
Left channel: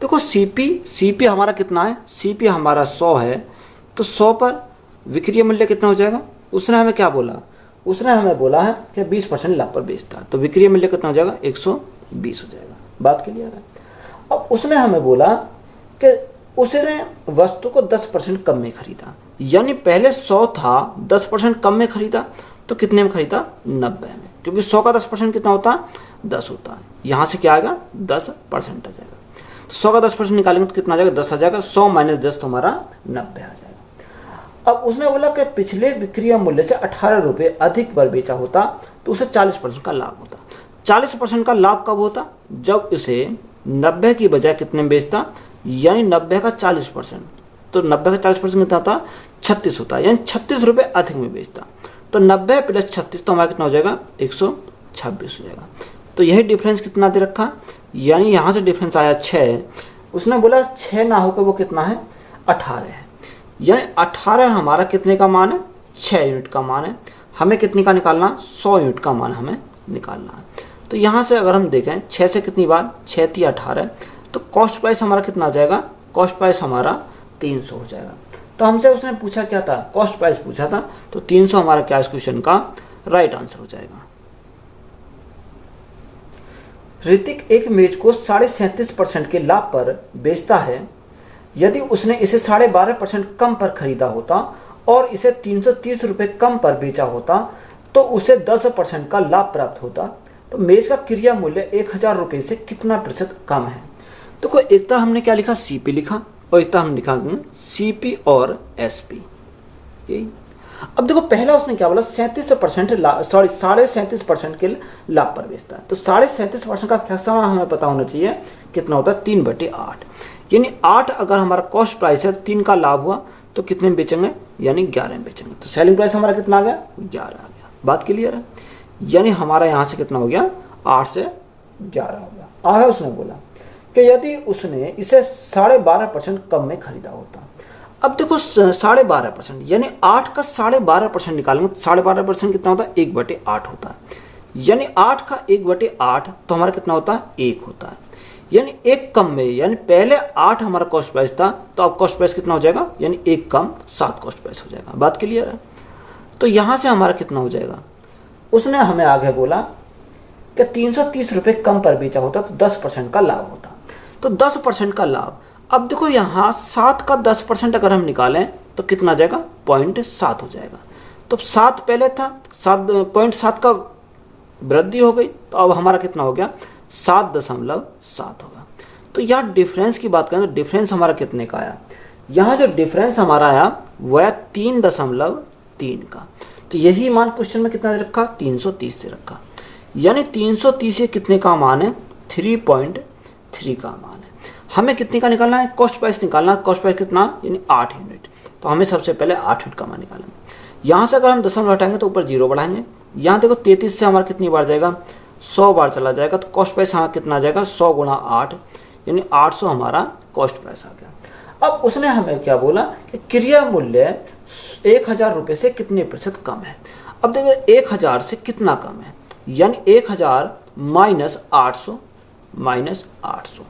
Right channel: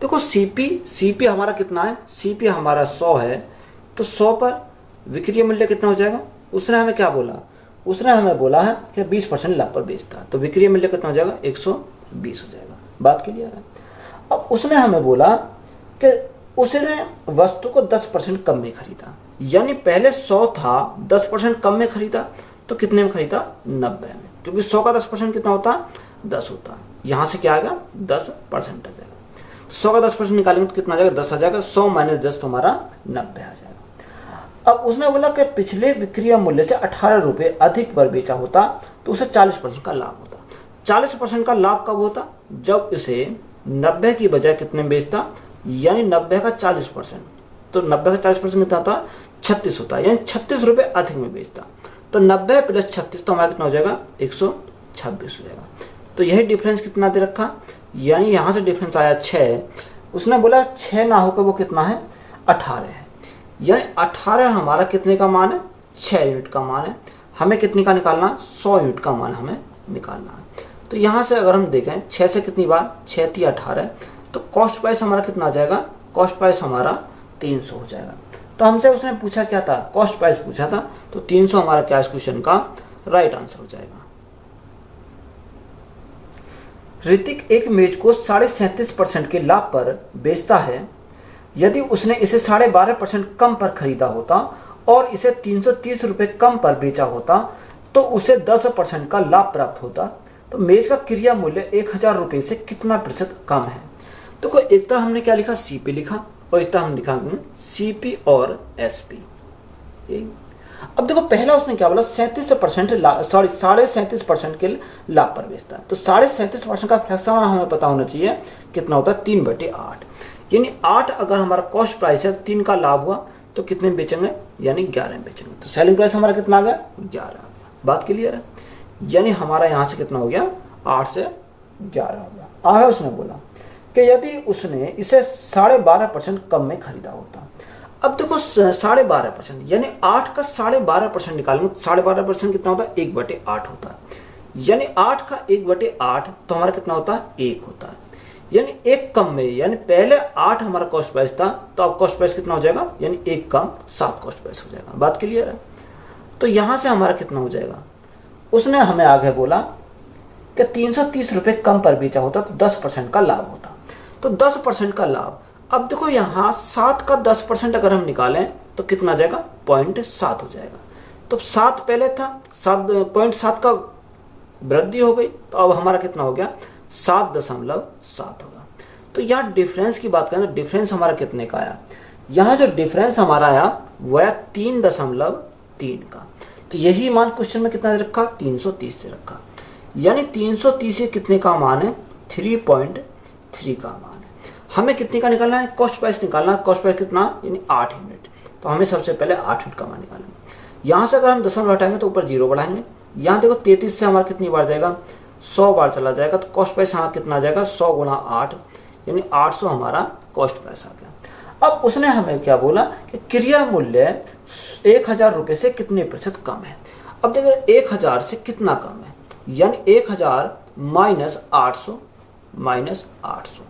देखो सीपी हमारा कितना है, सीपी हमारा 100 है, तो 100 पर विक्रय मूल्य कितना हो जाएगा। उसने हमें क्या बोला, उसने हमें बोला है कि 20% लाभ पर बेचता है, तो विक्रय मूल्य कितना हो जाएगा, 120 हो जाएगा। बात क्लियर है। अब उसने हमें बोला कि उसने वस्तु को 10% कम में खरीदा, यानी पहले 100 था, 10% कम में खरीदा, तो कितने में खरीदा, 90 में, क्योंकि 100 का 10% कितना होता, 10 होता। यहां से क्या आएगा, 10% आ जाएगा। तो 100 का 10% निकालेंगे तो कितना आ जाएगा, 10 आ जाएगा। 100 माइनस 10 तो हमारा 90 आ जाएगा। अब उसने बोला कि पिछले विक्रय मूल्य से 18 रुपये अधिक पर बेचा होता, तो उसे 40% का लाभ होता। 40% का लाभ कब होता, जब उसे 90 की बजाय कितने में बेचता, यानी 90 का 40%, तो 90 का 40% कितना था, 36 होता है, यानी 36 रुपये अधिक में बेचता। तो 90 प्लस 36 तो हमारा कितना हो जाएगा, 126 हो जाएगा। तो यही डिफरेंस कितना दे रखा, यानी यहां से डिफरेंस आया 6। उसने बोला 6 ना होकर वो कितना है, 18 है, यानी 18 हमारा कितने का मान है, 6 यूनिट का मान है। हमें कितने का निकालना, 100 यूनिट का मान हमें निकालना है। तो यहां से अगर हम देखें 6 से कितनी बार, 6 थी 18, तो कॉस्ट प्राइस हमारा कितना आ जाएगा, कॉस्ट प्राइस हमारा 300 हो जाएगा। तो हमसे उसने पूछा क्या था, कॉस्ट प्राइस पूछा था, तो 300 हमारा क्या इस क्वेश्चन का राइट आंसर हो जाएगा। ऋतिक एक मेज को 37.5% के लाभ पर बेचता है। यदि उसने इसे 12.5% कम पर खरीदा होता और इसे 330 रुपये कम पर बेचा होता, तो उसे 10% का लाभ प्राप्त होता। तो मेज का क्रय मूल्य 1000 रुपये से कितना प्रतिशत कम है। तो एक तो हमने क्या लिखा, सीपी लिखा, और एक तो हम लिखा सीपी और एसपी। अब देखो पहला उसने क्या बोला, 37% के लाभ पर बेचता है। तो 37.5% का फ्रैक्शन हमें पता होना चाहिए कितना होता है, 3/8, यानी 8 अगर हमारा कॉस्ट प्राइस है, 3 का लाभ हुआ तो कितने में बेचेंगे, यानी 11 में बेचेंगे। तो सेलिंग प्राइस हमारा कितना आ गया, 11 आ गया। बात क्लियर है, यानी हमारा यहां से कितना हो गया, 8 से 11 हो गया। आगे उसने बोला कि यदि उसने इसे 12.5% कम में खरीदा होता। अब देखो 12.5%, यानी 8 का 12.5% निकालेंगे तो 12.5% कितना होता है, 1/8 होता है, यानी 8 का 1/8 तो हमारा कितना होता है, 1 होता है, यानी 1 कम में, यानी पहले 8 हमारा कॉस्ट प्राइस था, तो अब कॉस्ट प्राइस कितना हो जाएगा, यानी 1 कम 7 कॉस्ट प्राइस हो जाएगा। बात क्लियर है। तो यहां से हमारा कितना हो जाएगा, उसने हमें आगे बोला कि 330 रुपये कम पर बेचा होता तो 10% का लाभ होता। तो 10% का लाभ, अब देखो यहाँ 7 का 10% अगर हम निकालें तो कितना आ जाएगा, 0.7 हो जाएगा। तो 7 पहले था, 0.7 का वृद्धि हो गई, तो अब हमारा कितना हो गया, 7.7 होगा। तो यहाँ डिफरेंस की बात करें तो डिफरेंस हमारा कितने का आया, यहाँ जो डिफरेंस हमारा आया वो आया 3.3 का। तो यही मान क्वेश्चन में कितना रखा, 330 से रखा, यानी 330 कितने का मान है, 3.3 का मान है। हमें कितने का निकालना है, कॉस्ट प्राइस निकालना है। कॉस्ट प्राइस कितना, यानी 8 यूनिट। तो हमें सबसे पहले 8 यूनिट का मान निकालना है। यहाँ से अगर हम दशमलव हटाएंगे तो ऊपर 0 बढ़ाएंगे। यहाँ देखो 33 से हमारा कितनी बार जाएगा, 100 बार चला जाएगा। तो कॉस्ट प्राइस हमारा कितना आ जाएगा, 100 गुणा 8, यानी 800 हमारा कॉस्ट प्राइस आ गया। अब उसने हमें क्या बोला कि क्रिया मूल्य 1000 रुपये से कितने प्रतिशत कम है। अब देखो 1000 से कितना कम है, यानी 1000 माइनस 800 माइनस 800।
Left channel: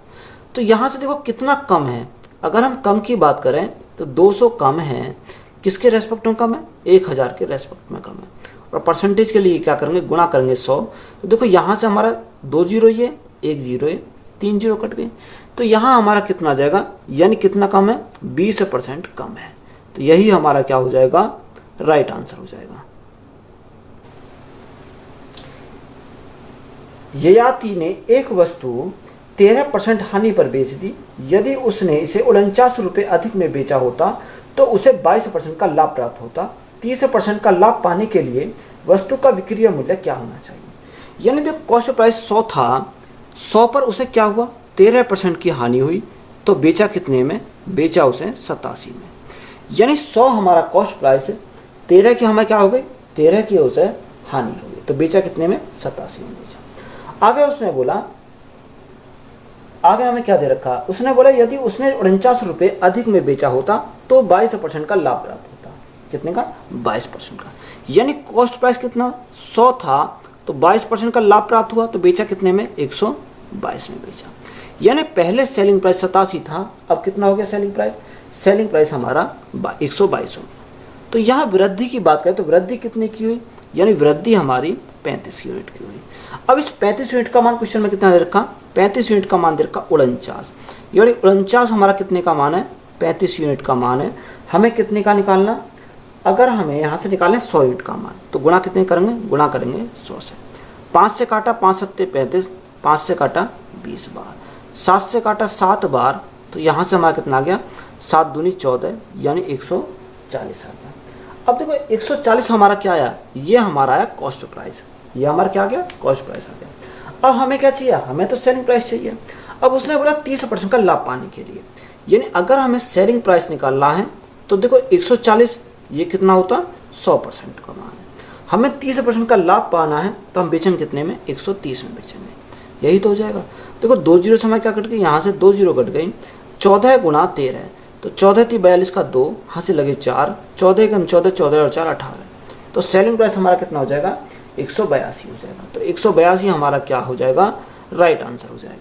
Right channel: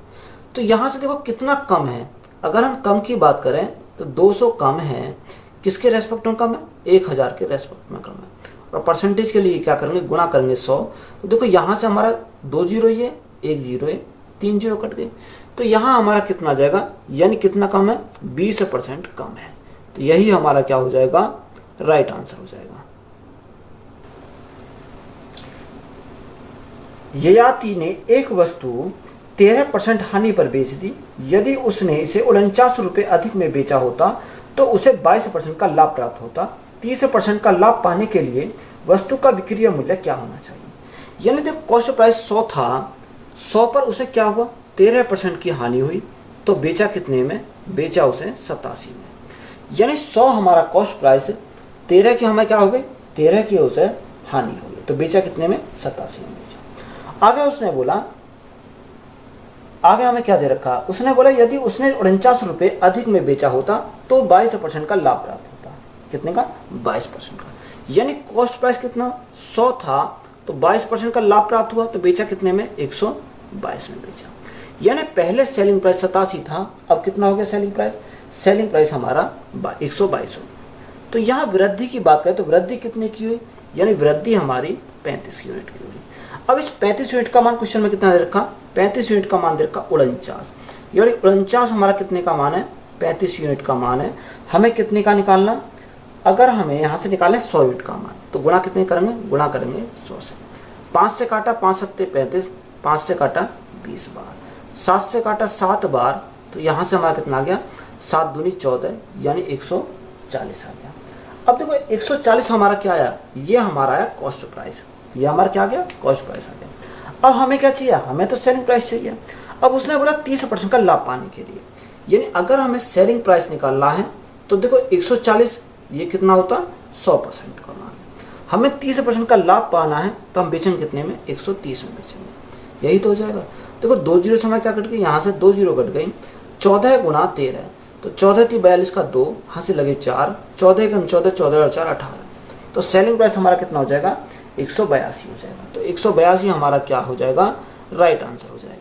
तो यहाँ से देखो कितना कम है। अगर हम कम की बात करें तो 200 कम है, किसके रेस्पेक्ट में कम है, 1000 के रेस्पेक्ट में कम है। और परसेंटेज के लिए क्या करेंगे, गुणा करेंगे 100। तो देखो यहाँ से हमारा 2 जीरो ये, 1 जीरो है, 3 जीरो कट गए। तो यहाँ हमारा कितना आ जाएगा, यानी कितना कम है, 20% कम है। तो यही हमारा क्या हो जाएगा, राइट आंसर हो जाएगा। ययाति ने एक वस्तु 13% हानि पर बेच दी। यदि उसने इसे 49 रुपये अधिक में बेचा होता तो उसे 22% का लाभ प्राप्त होता। 30% का लाभ पाने के लिए वस्तु का विक्रय मूल्य क्या होना चाहिए। यानी जो कॉस्ट प्राइस 100 था, 100 पर उसे क्या हुआ, 13% की हानि हुई। तो बेचा कितने में, बेचा उसे 87 में। यानी 100 हमारा कॉस्ट प्राइस है, 13 की हमें क्या हो गई, 13 की उसे हानि हो गई। तो बेचा कितने में, 87 में बेचा। आगे उसने बोला, आगे हमें क्या दे रखा, उसने बोला यदि उसने 49 रुपये अधिक में बेचा होता तो 22% का लाभ प्राप्त होता। कितने का, 22% का। यानी कॉस्ट प्राइस कितना, 100 था, तो 22% का लाभ प्राप्त हुआ। तो बेचा कितने में, 122 में बेचा। यानी पहले सेलिंग प्राइस 87 था, अब कितना हो गया सेलिंग प्राइस, सेलिंग प्राइस हमारा 122 हो गया। तो यहाँ वृद्धि की बात करें तो वृद्धि कितने की हुई, यानी वृद्धि हमारी 35 यूनिट की हुई। अब इस 35 यूनिट का मान क्वेश्चन में कितना दे रखा, 35 यूनिट का मान दे रखा 49। यानी 49 हमारा कितने का मान है, 35 यूनिट का मान है। हमें कितने का निकालना, अगर हमें यहाँ से निकालें 100 यूनिट का मान, तो गुणा कितने करेंगे, गुणा करेंगे 100 से। 5 से काटा 5 सत्ते 35, 5 से काटा 20 बार, 7 से काटा 7 बार। तो यहाँ से हमारा कितना आ गया, 7 दूनी 14, यानी 140 आ गया। अब देखो 140 हमारा क्या आया, ये हमारा आया कॉस्ट प्राइस। ये हमारा क्या आ गया, कॉस्ट प्राइस आ गया। अब हमें क्या चाहिए, हमें तो सेलिंग प्राइस चाहिए। अब उसने बोला 30% का लाभ पाने के लिए, यानी अगर हमें सेलिंग प्राइस निकालना है तो देखो 140, ये कितना होता है, 100% का मान है। हमें 30% का लाभ पाना है तो हम बेचेंगे कितने में, 130 में बेचेंगे। यही तो हो जाएगा। देखो 2 जीरो समय क्या कट गई, यहाँ से 2 जीरो कट गई। 14 गुणा 13, तो 14 थी 42 का 2, यहाँ से लगे 4, 14 का 14, 14 और 4 18। तो सेलिंग प्राइस हमारा कितना हो जाएगा, 182 हो जाएगा। तो 182 हमारा क्या हो जाएगा, राइट आंसर हो जाएगा।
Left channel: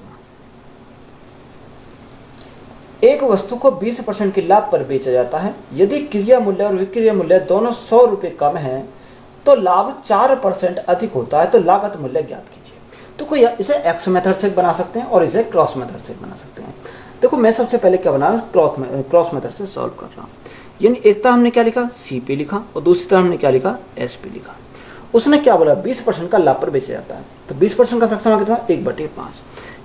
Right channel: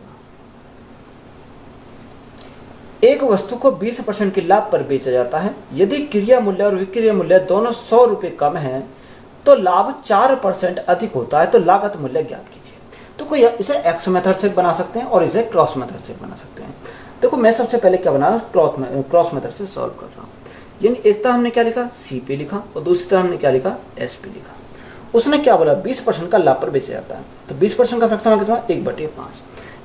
एक वस्तु को 20% के लाभ पर बेचा जाता है। यदि क्रिया मूल्य और विक्रय मूल्य दोनों 100 रुपये कम है तो लाभ 4% अधिक होता है। तो लागत मूल्य ज्ञात कीजिए। तो कोई इसे एक्स मेथड से बना सकते हैं और इसे क्रॉस मेथड से बना सकते हैं। देखो मैं सबसे पहले क्या बना, क्रॉस मेथड से सॉल्व कर रहा हूँ। यानी एक तरह हमने क्या लिखा, सी पे लिखा, और दूसरी तरह हमने क्या लिखा, एस पे लिखा। उसने क्या बोला, 20% का लाभ पर बेचा जाता है। तो 20% का फ्रैक्शन कितना, 1/5।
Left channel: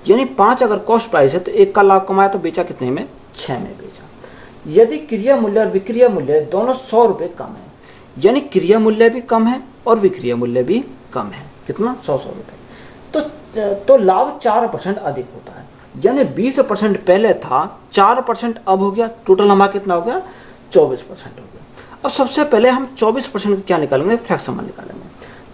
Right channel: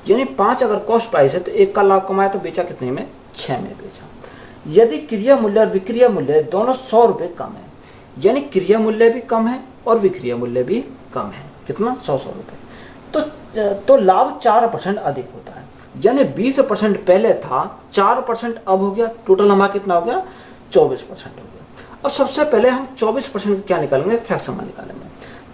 यानी 5 अगर कॉस्ट प्राइस है तो 1 का लाभ कमाया तो बेचा कितने में, 6 में बेचा। यदि क्रिया मूल्य और विक्रय मूल्य दोनों 100 रुपये कम है, यानी क्रिया मूल्य भी कम है और विक्रय मूल्य भी कम है, कितना, 100 रुपये। तो लाभ 4% अधिक होता है। यानी 20% पहले था, 4% अब हो गया। टोटल हमारा कितना हो गया, 24% हो गया। अब सबसे पहले हम 24% क्या निकालेंगे, फ्रैक्शन मान निकालेंगे।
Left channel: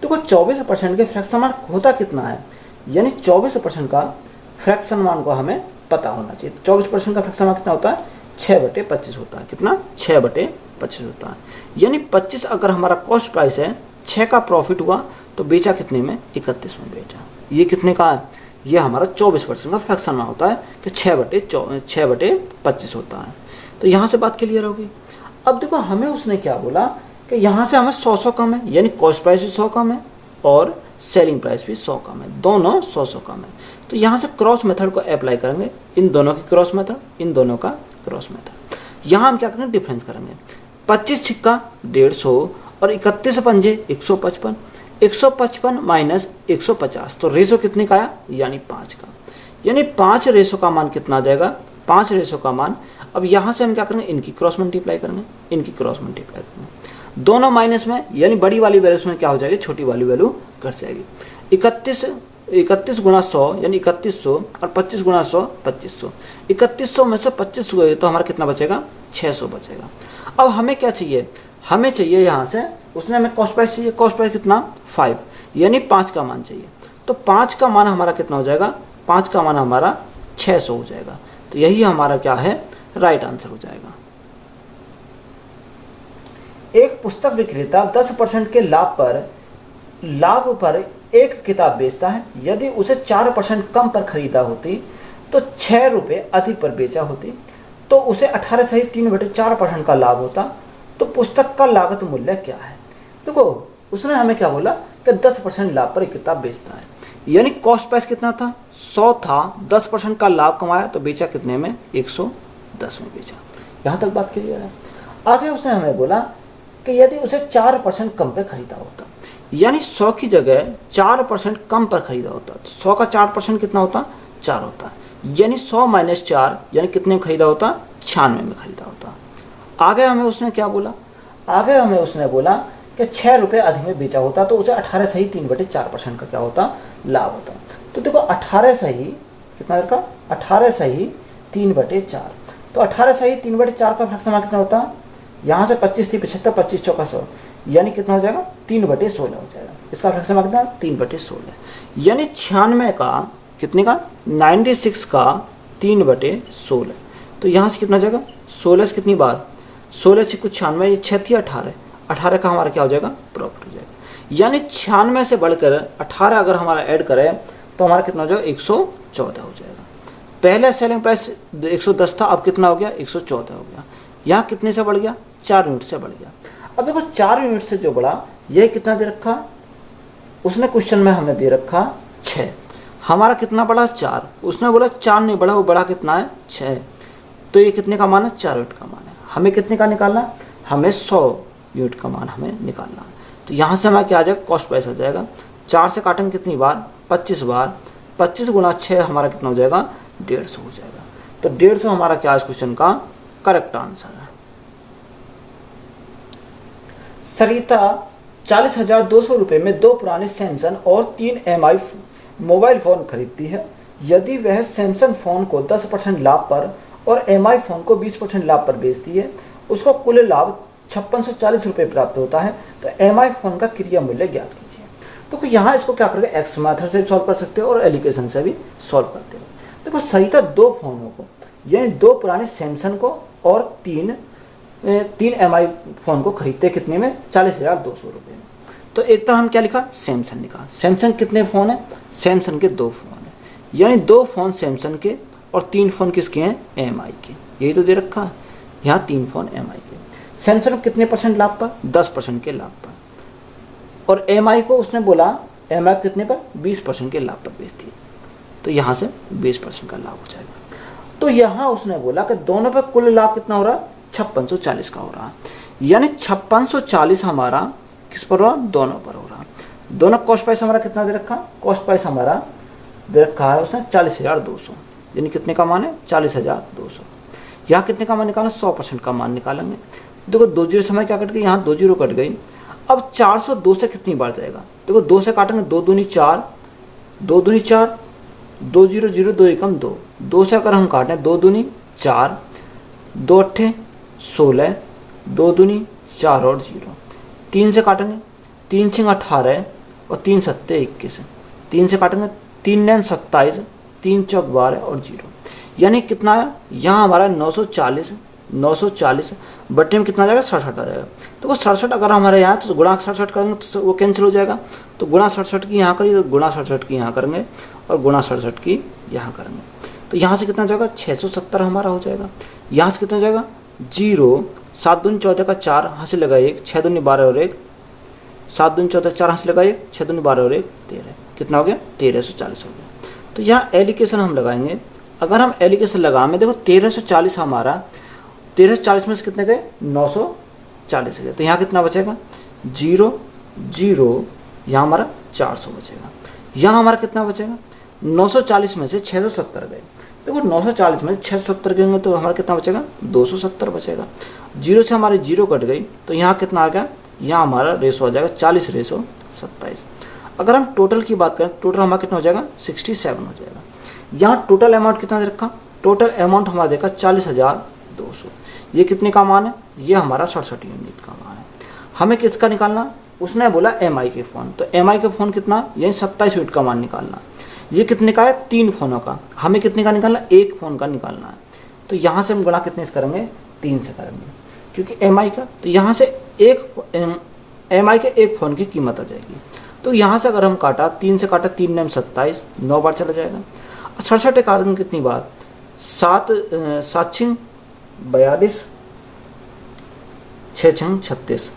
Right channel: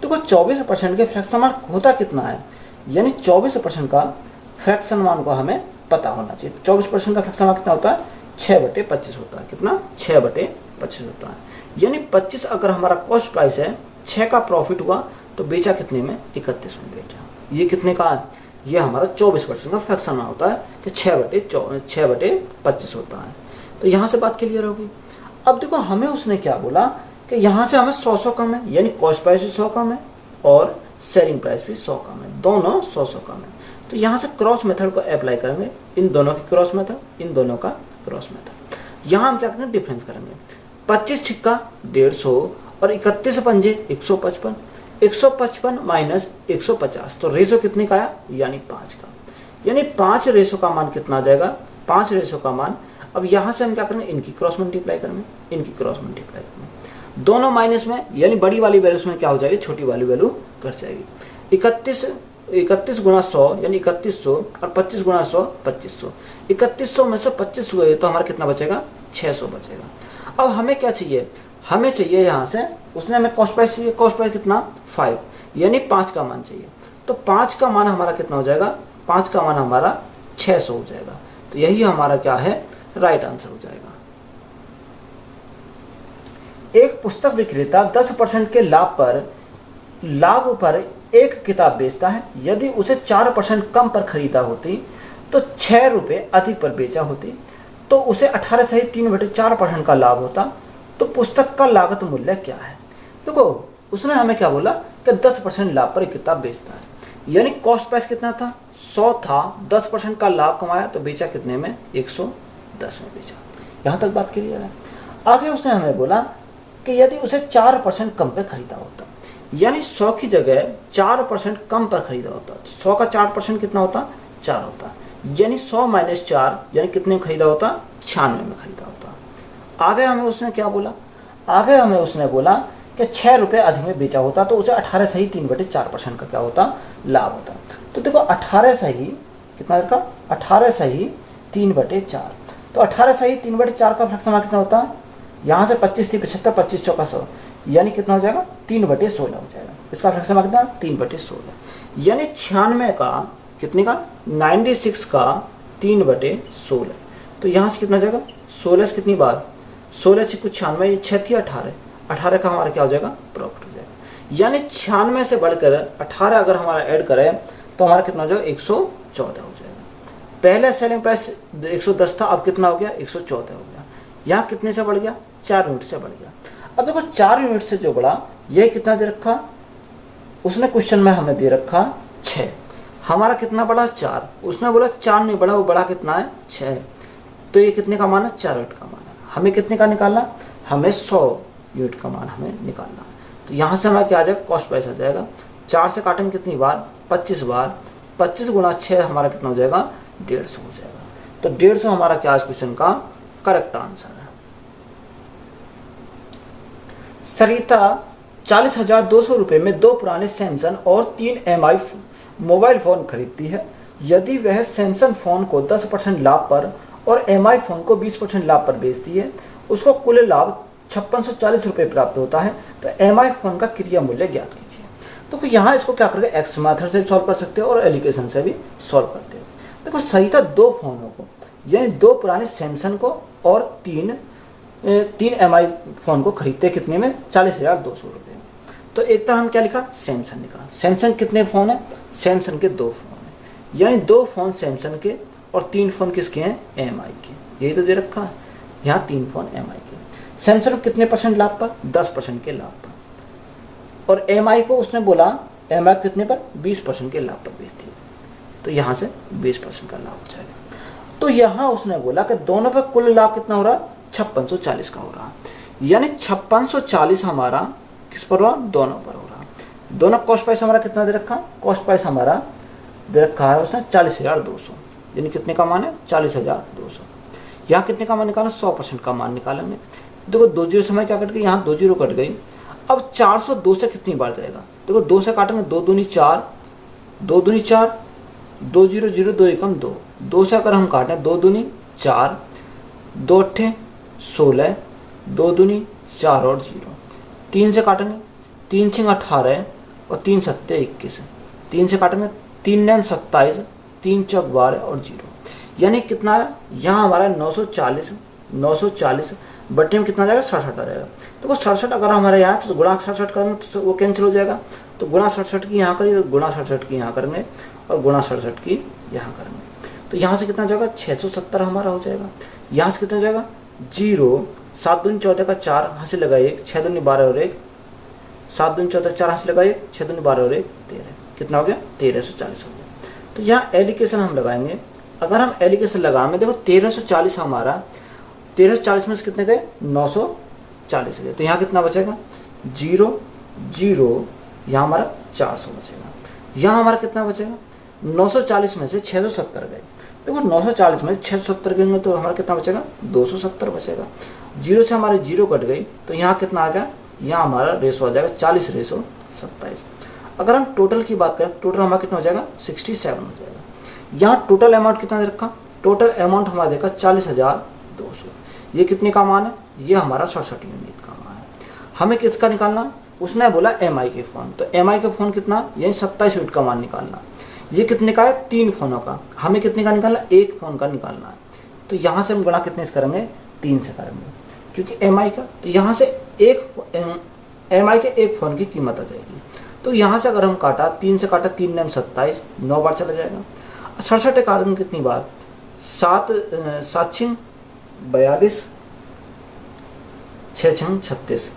देखो 24% के फ्रैक्शन मान होता कितना है, यानी 24% का फ्रैक्शन मान को हमें पता होना चाहिए। 24% का फ्रैक्शन मान कितना होता है, 6/25 होता है। कितना, 6/25 होता है। यानी 25 अगर हमारा कॉस्ट प्राइस है, 6 का प्रॉफिट हुआ तो बेचा कितने में, 31 में बेचा। ये कितने का है, ये हमारा 24% का फ्रैक्शन मान होता है कि 6/25 होता है। तो यहाँ से बात क्लियर होगी। अब देखो हमें उसने क्या बोला कि यहाँ से हमें 100 कम है, यानी कॉस्ट प्राइस भी 100 कम है और सेलिंग प्राइस भी 100 कम है, दोनों 100 कम है। तो यहाँ से क्रॉस मेथड को अप्लाई करेंगे, इन दोनों की क्रॉस मेथड, इन दोनों का क्रॉस मेथड। यहाँ हम क्या करेंगे, डिफरेंस करेंगे। 25 छिक्का 150 और 31 पंजे 155, 155 माइनस 150, तो रेशो कितने का आया, यानी 5 का। यानी 5 रेशो का मान कितना आ जाएगा, 5 रेशो का मान। अब यहाँ से हम क्या करेंगे, इनकी क्रॉस मल्टीप्लाई करेंगे, इनकी क्रॉस मल्टीप्लाई करेंगे। दोनों माइनस में, यानी बड़ी वाली वैल्यू में क्या हो जाएगी, छोटी वाली वैल्यू घट जाएगी। 31 31 गुणा 100 यानी 3100 और 25 गुणा 100 2500। 3100 में से 25 गए तो हमारा कितना बचेगा? 600 बचेगा। अब हमें क्या चाहिए? हमें चाहिए यहाँ से, उसने हमें कॉस्ट प्राइस चाहिए। कॉस्ट प्राइस कितना? 5 यानी 5 का मान चाहिए। तो 5 का मान हमारा कितना हो जाएगा? 5 का मान हमारा 600 हो जाएगा। तो यही हमारा क्या है? राइट आंसर हो जाएगा। एक पुस्तक विक्रेता 10% के लाभ पर एक किताब बेचता है। यदि उसे 4% कम पर खरीदा होती तो 6 रुपये अधिक पर बेचा होती तो उसे 18 सही 3/4% का लाभ होता। तो पुस्तक का लागत मूल्य क्या है? देखो उसने हमें क्या बोला कि 10% लाभ पर एक किताब बेचता है, यानी कॉस्ट प्राइस कितना था? 100 था। 10% का लाभ कमाया तो बेचा कितने में? 110 में बेचा। यहाँ तक बात क्लियर है। आगे उसने हमें बोला कि यदि उसे 4% कम पर खरीदा होता, यानी 100 की जगह 4% कम पर खरीदा होता, तो 100 का 4% कितना होता? 4 होता, यानी 100 - 4 यानी कितने में खरीदा होता? 96 में खरीदा होता। आगे हमें उसने क्या बोला? आगे हमें उसने बोला कि 6 रुपये अधिक में बेचा होता तो उसे 18 सही 3/4% का क्या होता? लाभ होता। तो देखो 18 सही कितना का? 18 सही 3/4। तो 18 सही 3/4 का फ्रैक्शन कितना होता? यहाँ से 25 थी 75, 25 चौका 100 यानी कितना हो जाएगा? 3/16 हो जाएगा। इसका फ्रैक्शन कितना? 3/16 यानी 96 का कितने का? 96 का 3/16। तो यहाँ से कितना हो जाएगा? 16 से कितनी बार? 16 से कुछ 96, 6 थी 18, 18 का हमारा क्या हो जाएगा? प्रॉफिट हो जाएगा। यानी 96 से बढ़कर 18 अगर हमारा ऐड करें तो हमारा कितना हो जाएगा? 114 हो जाएगा। पहले सेलिंग प्राइस 110 था, अब कितना हो गया? 114 हो गया। यहाँ कितने से बढ़ गया? 4 यूनिट से बढ़ गया। अब देखो 4 यूनिट से जो बढ़ा, ये कितना दे रखा? उसने क्वेश्चन में हमें दे रखा 6, हमारा कितना बढ़ा? 4। उसने बोला 4 नहीं बढ़ा, वो बढ़ा कितना है? 6। तो ये कितने का मान है? 4 यूनिट का मान है। हमें कितने का निकालना? हमें 100 यूनिट का मान हमें निकालना। तो यहाँ से हमारा क्या आ जाएगा? कॉस्ट प्राइस आ जाएगा। 4 से काटेंगे कितनी बार? 25 बार। 25 गुणा 6 हमारा कितना हो जाएगा? 150 हो जाएगा। तो 150 हमारा क्या इस क्वेश्चन का करेक्ट आंसर है। सरिता 40,200 रुपये में 2 पुराने सैमसंग और 3 MI मोबाइल फोन खरीदती है। यदि वह सैमसंग फोन को 10% लाभ पर और MI फोन को 20% लाभ पर बेचती है, उसको कुल लाभ 5640 रुपये प्राप्त होता है। तो MI फोन का क्रिया मूल्य ज्ञात कीजिए। तो यहाँ इसको क्या करेंगे? एक्स मेथड से भी सॉल्व कर सकते हो और एलिगेशन से भी सॉल्व करते हो। देखो सरिता 2 फोनों को, यानी 2 पुराने सैमसंग को और 3 MI फोन को खरीदते कितने में? 40,200 रुपये। तो एक तरह हम क्या लिखा? सैमसंग लिखा। सैमसंग कितने फ़ोन है? सैमसंग के 2 फ़ोन है, यानी 2 फ़ोन सैमसंग के और 3 फ़ोन किसके हैं? MI के। यही तो दे रखा है। यहाँ 3 फ़ोन MI के। सैमसंग कितने % लाभ पर? 10% के लाभ पर। और MI को उसने बोला MI कितने पर? 20% के लाभ पर बेचती है। तो यहाँ से 20% का लाभ हो जाएगा। तो यहाँ उसने बोला कि दोनों पर कुल लाभ कितना हो रहा है? 5640 का हो रहा है। यानी 5640 हमारा किस पर हो रहा? दोनों पर हो रहा। दोनों कॉस्ट प्राइस हमारा कितना दे रखा? कॉस्ट प्राइस हमारा दे रखा है उसने 40,200, यानी कितने का मान है? 40,200। यहाँ कितने का मान निकाला? 100% का मान निकालेंगे। देखो 2 जीरो समय क्या कट गई? यहाँ 2 जीरो कट गई। अब 402 से कितनी बार जाएगा? देखो 2 से काटेंगे, 2 दूनी 4, 2 दूनी 4, 2 0 0, 2 एकम 2, 2 से अगर हम काटें 2 दूनी 4, 2 अट्ठे 16, 2 दूनी 4 और 0, 3 से काटेंगे, 3 छिंग 18 और 3 सत्ते 21, 3 से काटेंगे, 3 नैम 27, 3 चौक 12 और 0, यानी कितना है? यहाँ हमारा 940 बट्टे में कितना जाएगा? 67 आ जाएगा। तो 67 अगर हमारे यहाँ तो गुणा 67 करेंगे तो वो कैंसिल हो जाएगा। तो गुणा 67 की यहाँ करिए, तो गुणा 67 की यहाँ करेंगे और गुणा 67 की यहाँ करेंगे। तो यहाँ से कितना जाएगा? 670 हमारा हो जाएगा। यहाँ से कितना जाएगा? 0, 7 दूनी 14 का 4 हासिल लगा 1, 6 दूनी 12 और 1, 7 दूनी 14 4 हासिल लगा 1, 6 दूनी 12 और 1 13, कितना हो गया? 1340 हो गया। तो यहाँ एलिगेशन हम लगाएंगे। अगर हम एलिगेशन लगाएंगे, देखो 1340 हमारा 1340 में से कितने गए? 940 गए। तो यहाँ कितना बचेगा? 0 0, यहाँ हमारा 400 बचेगा। यहाँ हमारा कितना बचेगा? 940 में से 670 गए। देखो 940 में से 670 गए तो हमारा कितना बचेगा? 270 बचेगा। 0 से हमारे 0 कट गई तो यहाँ कितना आ गया? यहाँ हमारा रेशो आ जाएगा 40/27। अगर हम टोटल की बात करें, टोटल हमारा कितना हो जाएगा 67 हो जाएगा। यहाँ टोटल अमाउंट कितना दे रखा, टोटल अमाउंट हमारा देखा 40,200। ये कितने का मान है, ये हमारा 67 यूनिट का मान है। हमें किसका निकालना, उसने बोला एमआई के फ़ोन, तो एमआई का फ़ोन कितना, यही 27 यूनिट का मान निकालना। ये कितने का है, 3 फ़ोनों का, हमें कितने का निकालना, 1 फ़ोन का निकालना है। तो यहाँ से हम गुणा कितने से करेंगे, 3 से करेंगे, क्योंकि एमआई का, तो यहाँ से एमआई के 1 फ़ोन की कीमत आ जाएगी। तो यहाँ से अगर हम काटा, 3 से काटा, 3 9 27, 9 बार चला जाएगा। 67 एक आदमी कितनी बार, 7 6 42, 6 6 36,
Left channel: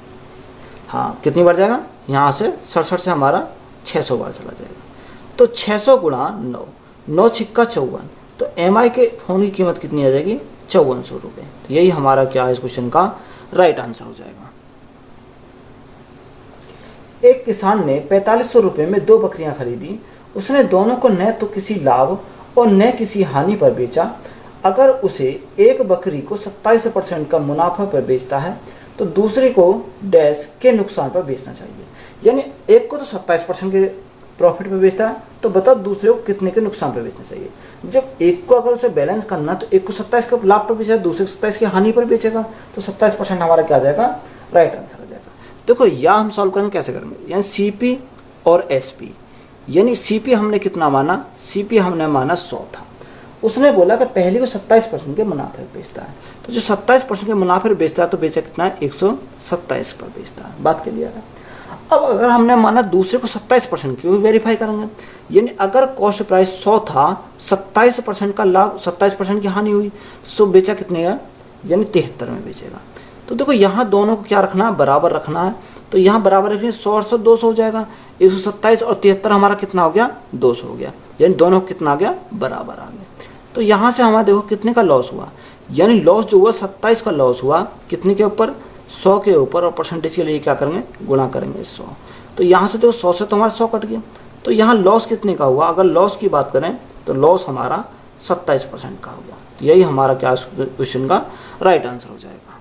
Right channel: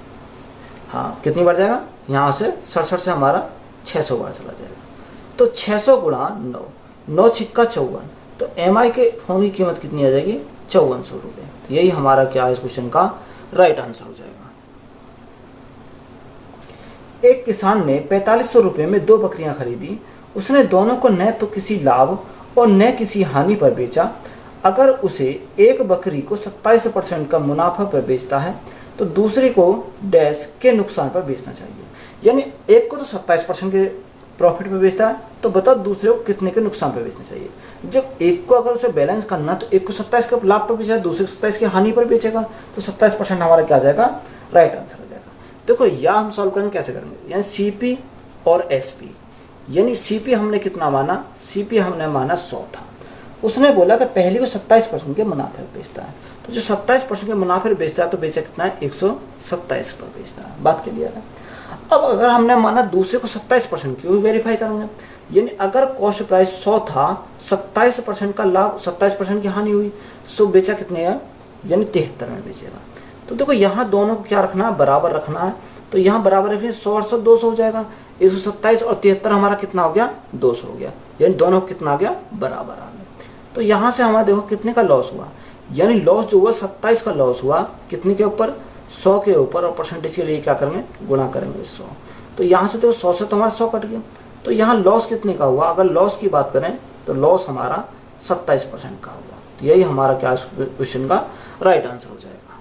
हाँ कितनी बार जाएगा, यहाँ से 67 से हमारा 600 बार चला जाएगा। तो 600 गुणा 9, 9 छिक्का 54, तो एमआई के फ़ोन की कीमत कितनी आ जाएगी, 5400 रुपये। तो यही हमारा क्या इस क्वेश्चन का राइट आंसर हो जाएगा। एक किसान ने 4500 रुपये में 2 बकरियां खरीदी। उसने दोनों को न तो किसी लाभ और न किसी हानि पर बेचा। अगर उसे एक बकरी को 27% का मुनाफा पर बेचता है तो दूसरे को डैश के नुकसान पर बेचना चाहिए। यानी एक को तो 27% के प्रॉफिट पर बेचता है, तो बताओ दूसरे को कितने के नुकसान पर बेचना चाहिए। जब एक को अगर उसे बैलेंस करना तो एक को 27 का लाभ पर बेचेगा, दूसरे को 27 की हानि पर बेचेगा, तो 27% हमारा क्या आ जाएगा, राइट आंसर हो जाएगा। देखो या हम सॉल्व करेंगे, कैसे करेंगे, यानी सीपी और एसपी, यानी सीपी हमने कितना माना, सीपी हमने माना 100 था। उसने बोला कि पहले को 27% के मुनाफे पर बेचता है, तो जो 27% के मुनाफे पर बेचता है तो बेचा कितना है, 127 पर बेचता है। बात क्लियर है। अब अगर हमने माना दूसरे को 27% की, वो वेरीफाई करेंगे। यानी अगर कॉस्ट प्राइस 100 था, 27% का लाभ, 27% की हानि हुई, तो बेचा कितने का, यानी 73 में बेचेगा। तो देखो यहाँ दोनों को क्या रखना है, बराबर रखना है। तो यहाँ बराबर रखिए, 100 और 100 200 हो जाएगा, 127 और 73 हमारा कितना हो गया, 200 हो गया। यानी दोनों को कितना आ गया, बराबर आ गया। तो यहाँ से हमारा देखो कितने का लॉस हुआ, यानी लॉस जो हुआ 27 का लॉस हुआ, कितने के ऊपर, 100 के ऊपर, और परसेंटेज के लिए क्या करेंगे, गुणा करेंगे 100। तो यहाँ से देखो 100 से तो हमारा 100 कट गया। तो यहाँ लॉस कितने का हुआ, अगर लॉस की बात करें तो लॉस हमारा 27% का हुआ। तो यही हमारा क्या क्वेश्चन का राइट आंसर हो जाएगा।